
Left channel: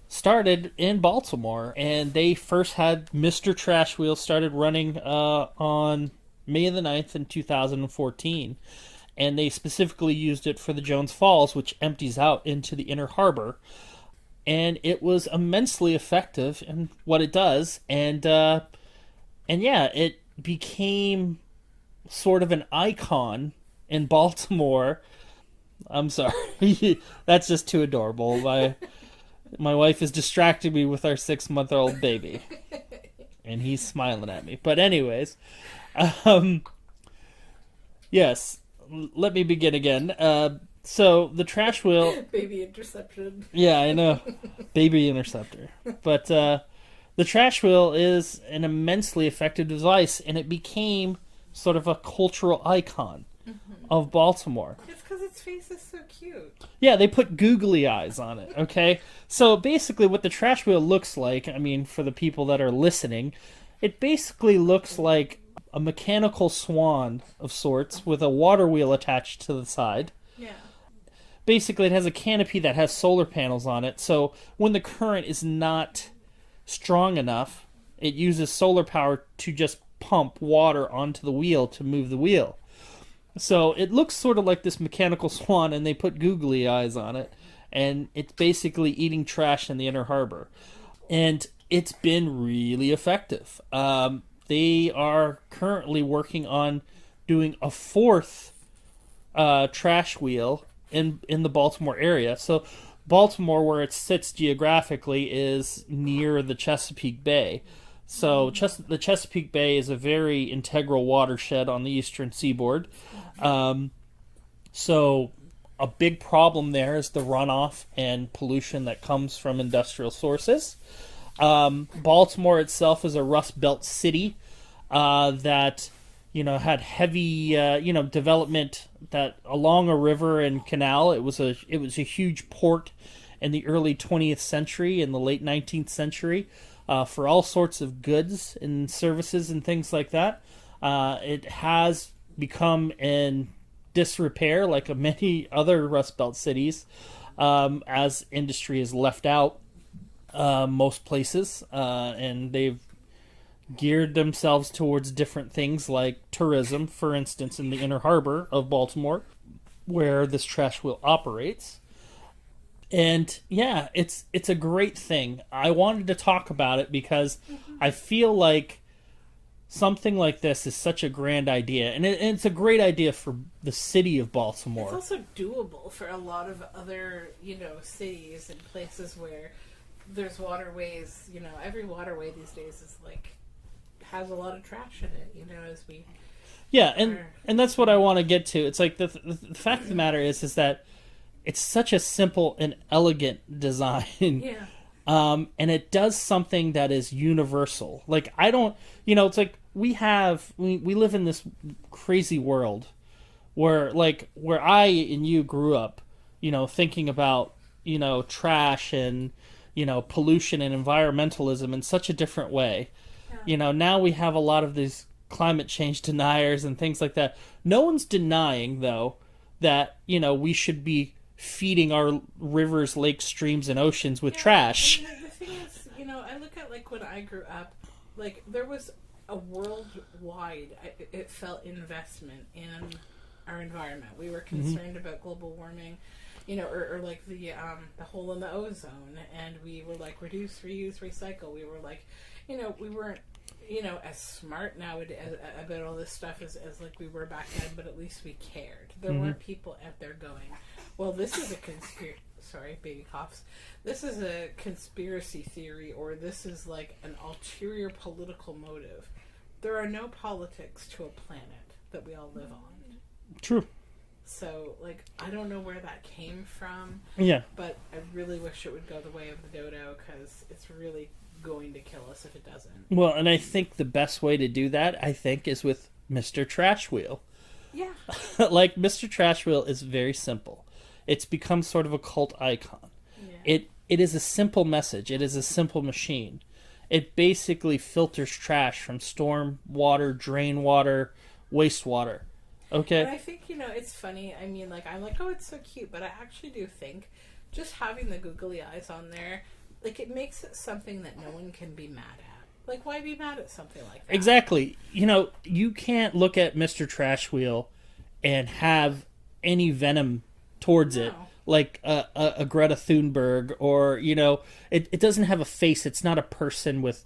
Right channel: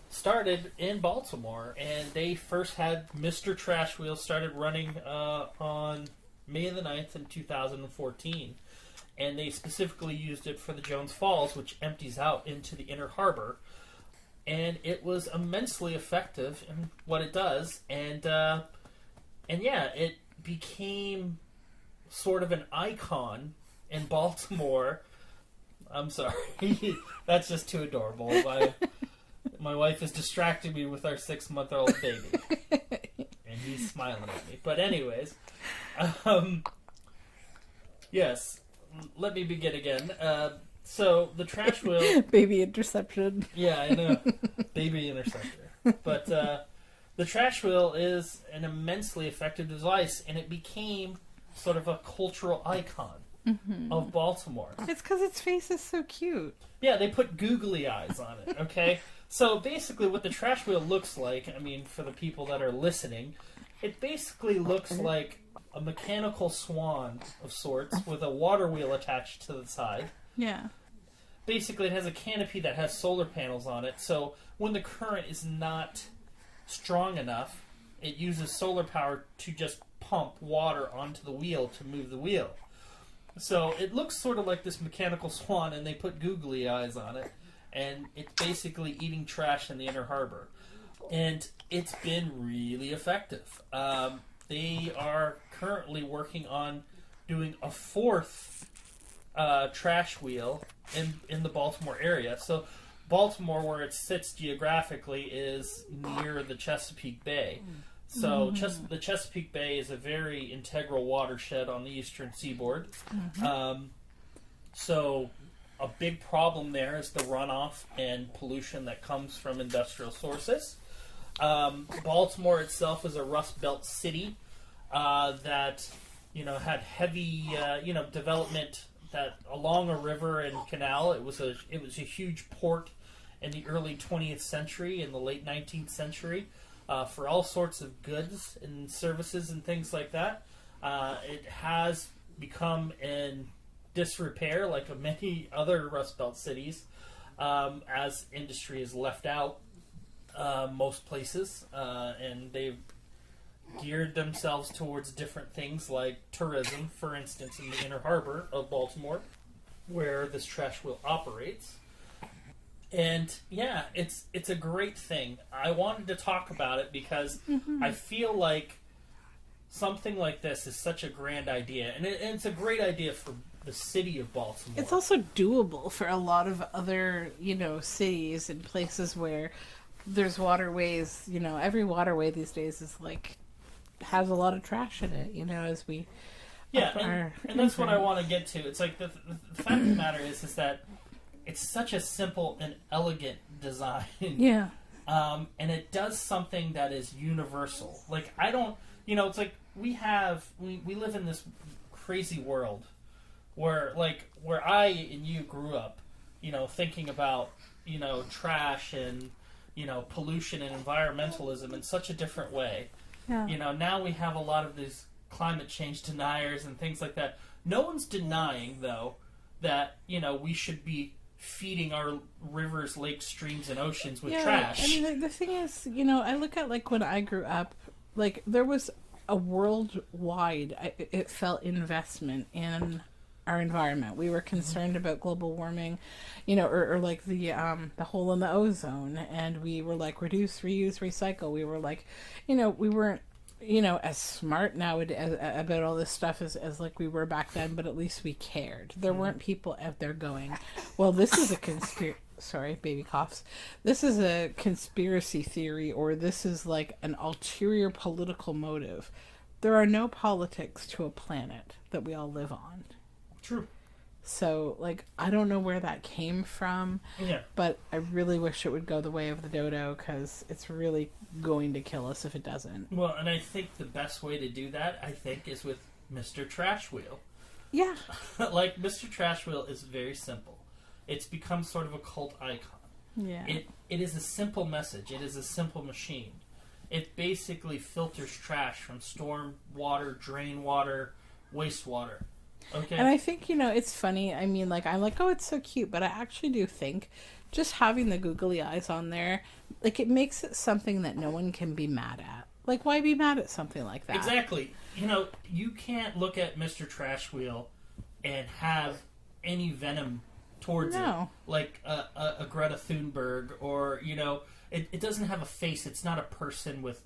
started in Baltimore, and they first had Mr. Trash Wheel started running on May the 9th in 2014, and they specifically used it for the Jones Falls, which empties out into the Inner Harbor, and it was immensely effective in what it does, and yeah, it became sort of an icon in Baltimore. I'm sorry. That's just too adorable. My wife is distracting me with our 6-month-old baby. And he's smiling at me. But anyways, yes, let me begin again. So the trash wheel... Baby interception. Yeah, I know. Baby interceptor. But the trash wheel is an immensely effective device, and it became sort of a cultural icon of Baltimore. It's because its face is so cute. Yeah, they put googly eyes on it, okay? So basically what the trash wheel looks like, I mean, for the people that are listening, it basically looks like a mechanical swan of sorts with a water wheel attached to the side. Yeah. Basically, it has a canopy that has solar panels on it, so when the current is not strong enough, it uses solar power to just pump water onto the wheel to move the wheel. So it looks sort of like this mechanical swan, and they put googly eyes on it, and it's basically eating trash in the Inner Harbor. And it's been really effective. They are currently working on doing a fourth trash wheel in the Baltimore area. So Baltimore, where it sits geographically, is near the Chesapeake Bay. So the Chesapeake Bay is a very integral watershed on the eastern seaboard. So a big problem there is the runoff and pollution that comes from industrial sources. Baltimore itself is a Rust Belt city that had heavy development that along a river and canal. It was a huge port in the early 20th century and the late 19th century for all sorts of goods and services and things like that. It has become in disrepair like many other Rust Belt cities as industry is left out most places, and they've geared themselves towards different things like tourism, for instance, in the Inner Harbor of Baltimore, where this trash wheel operates. And yeah, it's a great thing. I wanted to talk about it because I feel like something like this is such a grand idea, and it's a great idea for the city of Baltimore. It's also doable for a lot of other, cities and places where there's waterways. Every waterway these days has a lot of trash in it. As we and that's what I want to get to. It's like the fact of the matter is that it's such a simple and elegant design. Yeah. And it does something that is universal. Like I don't, it's like we live in this crazy world where I and you grew up, thinking about, trash and, pollution and environmentalism in such a different way. Yeah. Now we have a lot of these climate change deniers and things like that. No one's denying, though, that, we should be feeding our rivers, lakes, streams, and oceans with trash. I mean, the thing is, I look at, when I grew up, there was a worldwide, it felt, investment in our environment. We were concerned about global warming, or the hole in the ozone, and we were reduce, reuse, recycle. We were we weren't as smart nowadays about all this stuff as we were back then, but at least we cared. There weren't people out there going, well, this is a sorry, baby coughs. This is a conspiracy theory, or this is an ulterior political motive. There are no politics to a planet that we all live on. True. So, I don't know where that came from. Yeah. But I really wish it would go the way of the dodo, because it's really going to kill us if it doesn't. Well, and I think the best way to do that, is with Mr. Trash Wheel. Yeah. Mr. Trash Wheel is very simple. It's become sort of a cult icon. Yeah. It is a simple message. It is a simple machine. It basically filters trash from storm water, drain water, wastewater. Okay. And I think, it's funny. I mean, I'm oh, it's so cute, but I actually do think just having the googly eyes on there, it makes it something that no one can be mad at. Why be mad at something like that? Exactly. You can't look at Mr. Trash Wheel and have any venom towards it, like a Greta Thunberg, or it doesn't have a face. It's not a person with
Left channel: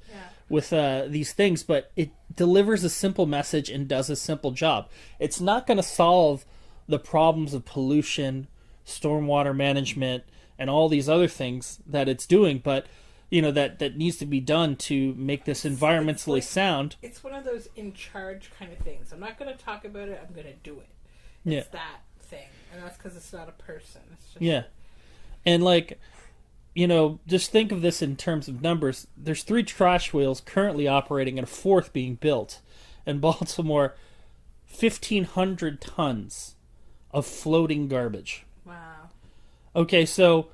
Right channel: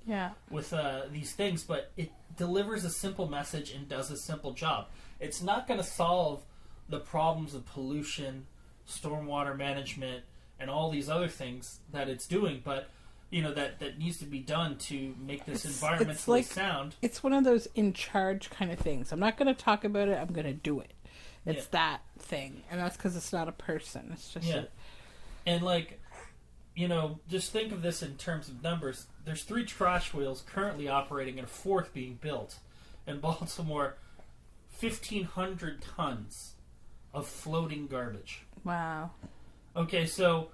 these things, but it delivers a simple message and does a simple job. It's not going to solve the problems of pollution, stormwater management, and all these other things that it's doing, but that needs to be done to make this environmentally sound. It's one of those in charge kind of things. I'm not going to talk about it. I'm going to do it. It's that thing. And that's because it's not a person. It's just... Yeah. And, like, you know, just think of this in terms of numbers. There's 3 trash wheels currently operating and a 4th being built. In Baltimore, 1,500 tons of floating garbage. Wow. Okay, so,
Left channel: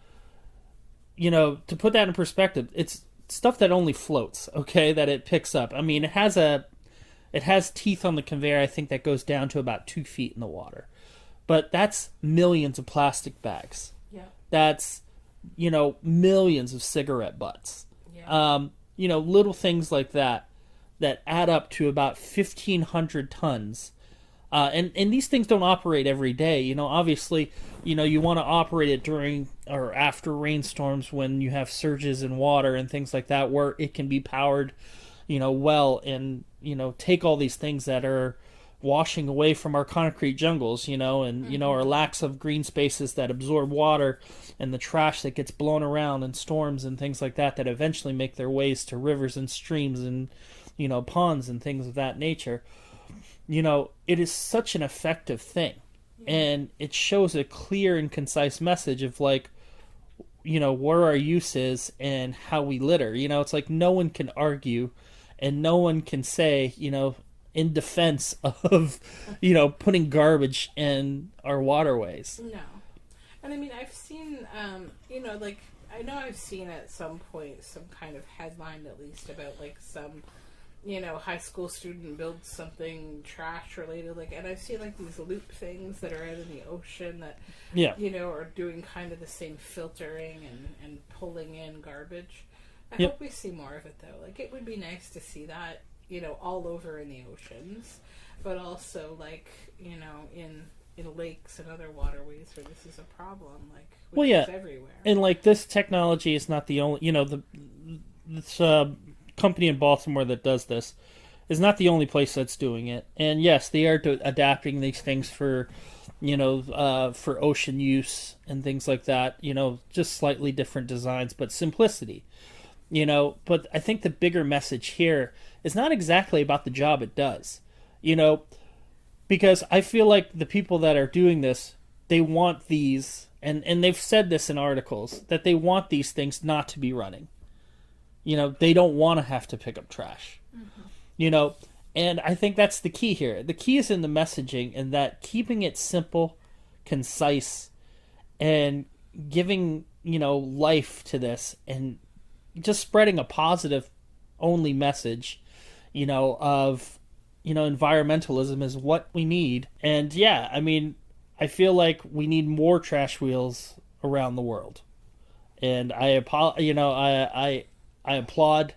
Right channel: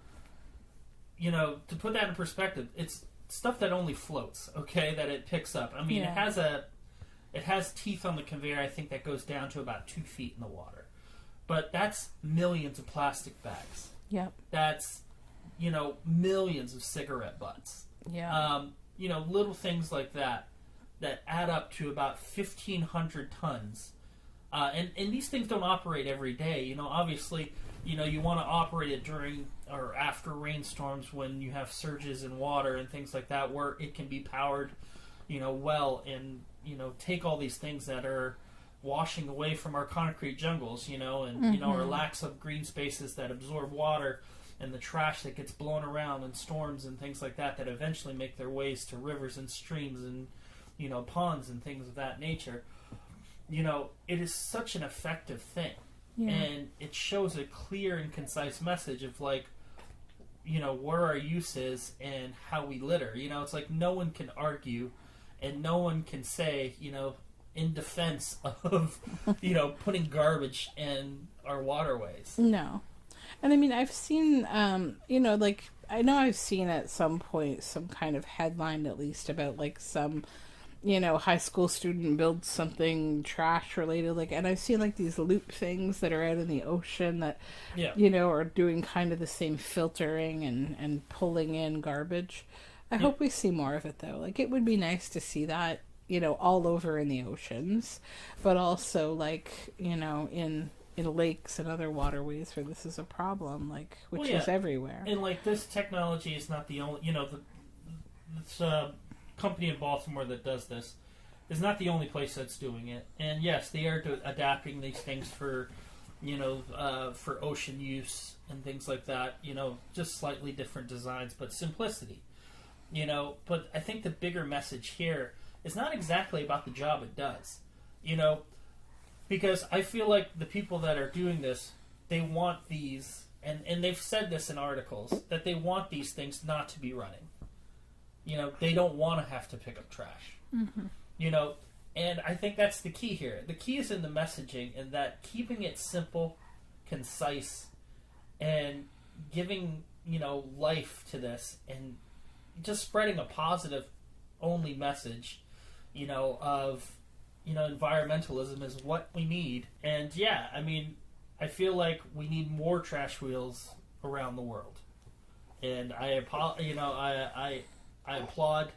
you know, to put that in perspective, it's stuff that only floats, okay, that it picks up. I mean, it has teeth on the conveyor, I think, that goes down to about 2 feet in the water. But that's millions of plastic bags. Yep. That's, you know, millions of cigarette butts. Yeah. You know, little things like that add up to about 1,500 tons. And these things don't operate every day. You know, obviously, you know, you want to operate it during or after rainstorms when you have surges in water and things like that, where it can be powered, you know, well, and, you know, take all these things that are washing away from our concrete jungles, you know, and, you know, our lacks of green spaces that absorb water, and the trash that gets blown around in storms and things like that eventually make their ways to rivers and streams and, you know, ponds and things of that nature. You know, it is such an effective thing. Yeah. And it shows a clear and concise message of, like, you know, where our use is and how we litter. You know, it's like no one can argue and no one can say, you know, in defense of, you know, putting garbage in our waterways. No. And I mean, I've seen, you know, like, I know I've seen at some point some kind of headline, at least, about, like, some, you know, high school student builds something trash related, like, and I've seen, like, these loop things that are out in the ocean that, you know, are doing kind of the same filtering and pulling in garbage. I hope we see more of it, though. Like, it would be nice to see that, you know, all over in the oceans, but also, like, you know, in lakes and other waterways where this is a problem, like, which is everywhere. And, like, this technology is not the only, you know, this company in Baltimore that does this is not the only place that's doing it. And yes, they are adapting these things for, you know, for ocean use and things like that, you know, just slightly different designs, but simplicity, you know. But I think the bigger message here is not exactly about the job it does, you know, because I feel like the people that are doing this, they want these, and they've said this in articles, that they want these things not to be running. You know, they don't want to have to pick up trash. Mm-hmm. You know, and I think that's the key here. The key is in the messaging, and that keeping it simple, concise, and giving, you know, life to this, and just spreading a positive only message, you know, of, you know, environmentalism is what we need. And yeah, I mean, I feel like we need more trash wheels around the world. And I applaud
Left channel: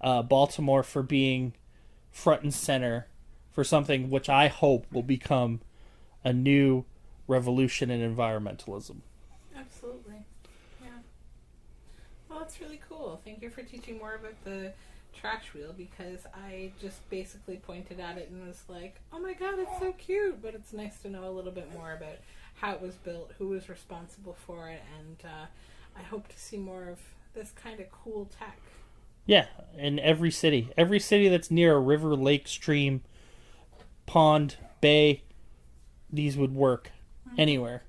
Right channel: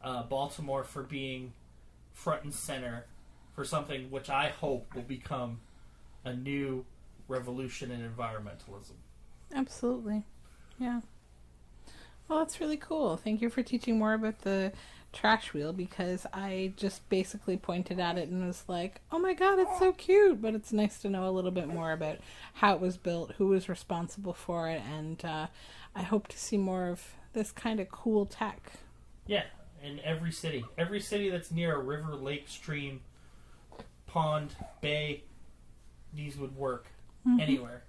Baltimore for being front and center for something which I hope will become a new revolution in environmentalism. Absolutely. Yeah. Well, that's really cool. Thank you for teaching more about the trash wheel, because I just basically pointed at it and was like, oh my god, it's so cute, but it's nice to know a little bit more about how it was built, who was responsible for it, and I hope to see more of this kind of cool tech. Yeah, in every city that's near a river, lake, stream, pond, bay, these would work anywhere.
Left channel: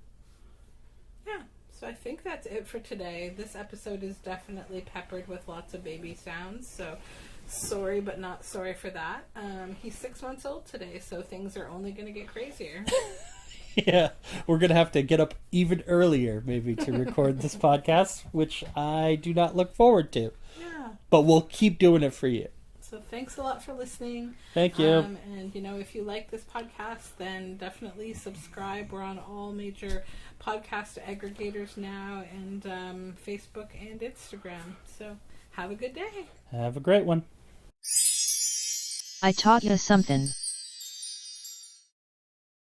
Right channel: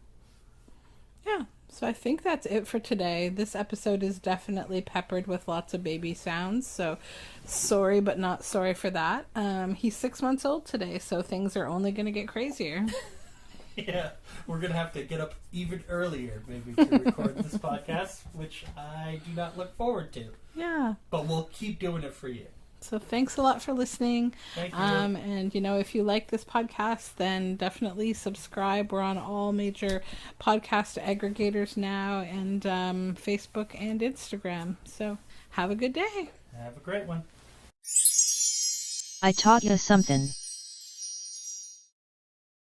Yeah. So I think that's it for today. This episode is definitely peppered with lots of baby sounds, so sorry but not sorry for that. He's 6 months old today, so things are only going to get crazier. Yeah, we're going to have to get up even earlier maybe to record this podcast, which I do not look forward to. Yeah. But we'll keep doing it for you. So thanks a lot for listening. Thank you. And, you know, if you like this podcast, then definitely subscribe. We're on all major podcast aggregators now, and Facebook and Instagram. So have a good day. Have a great one. I taught you something.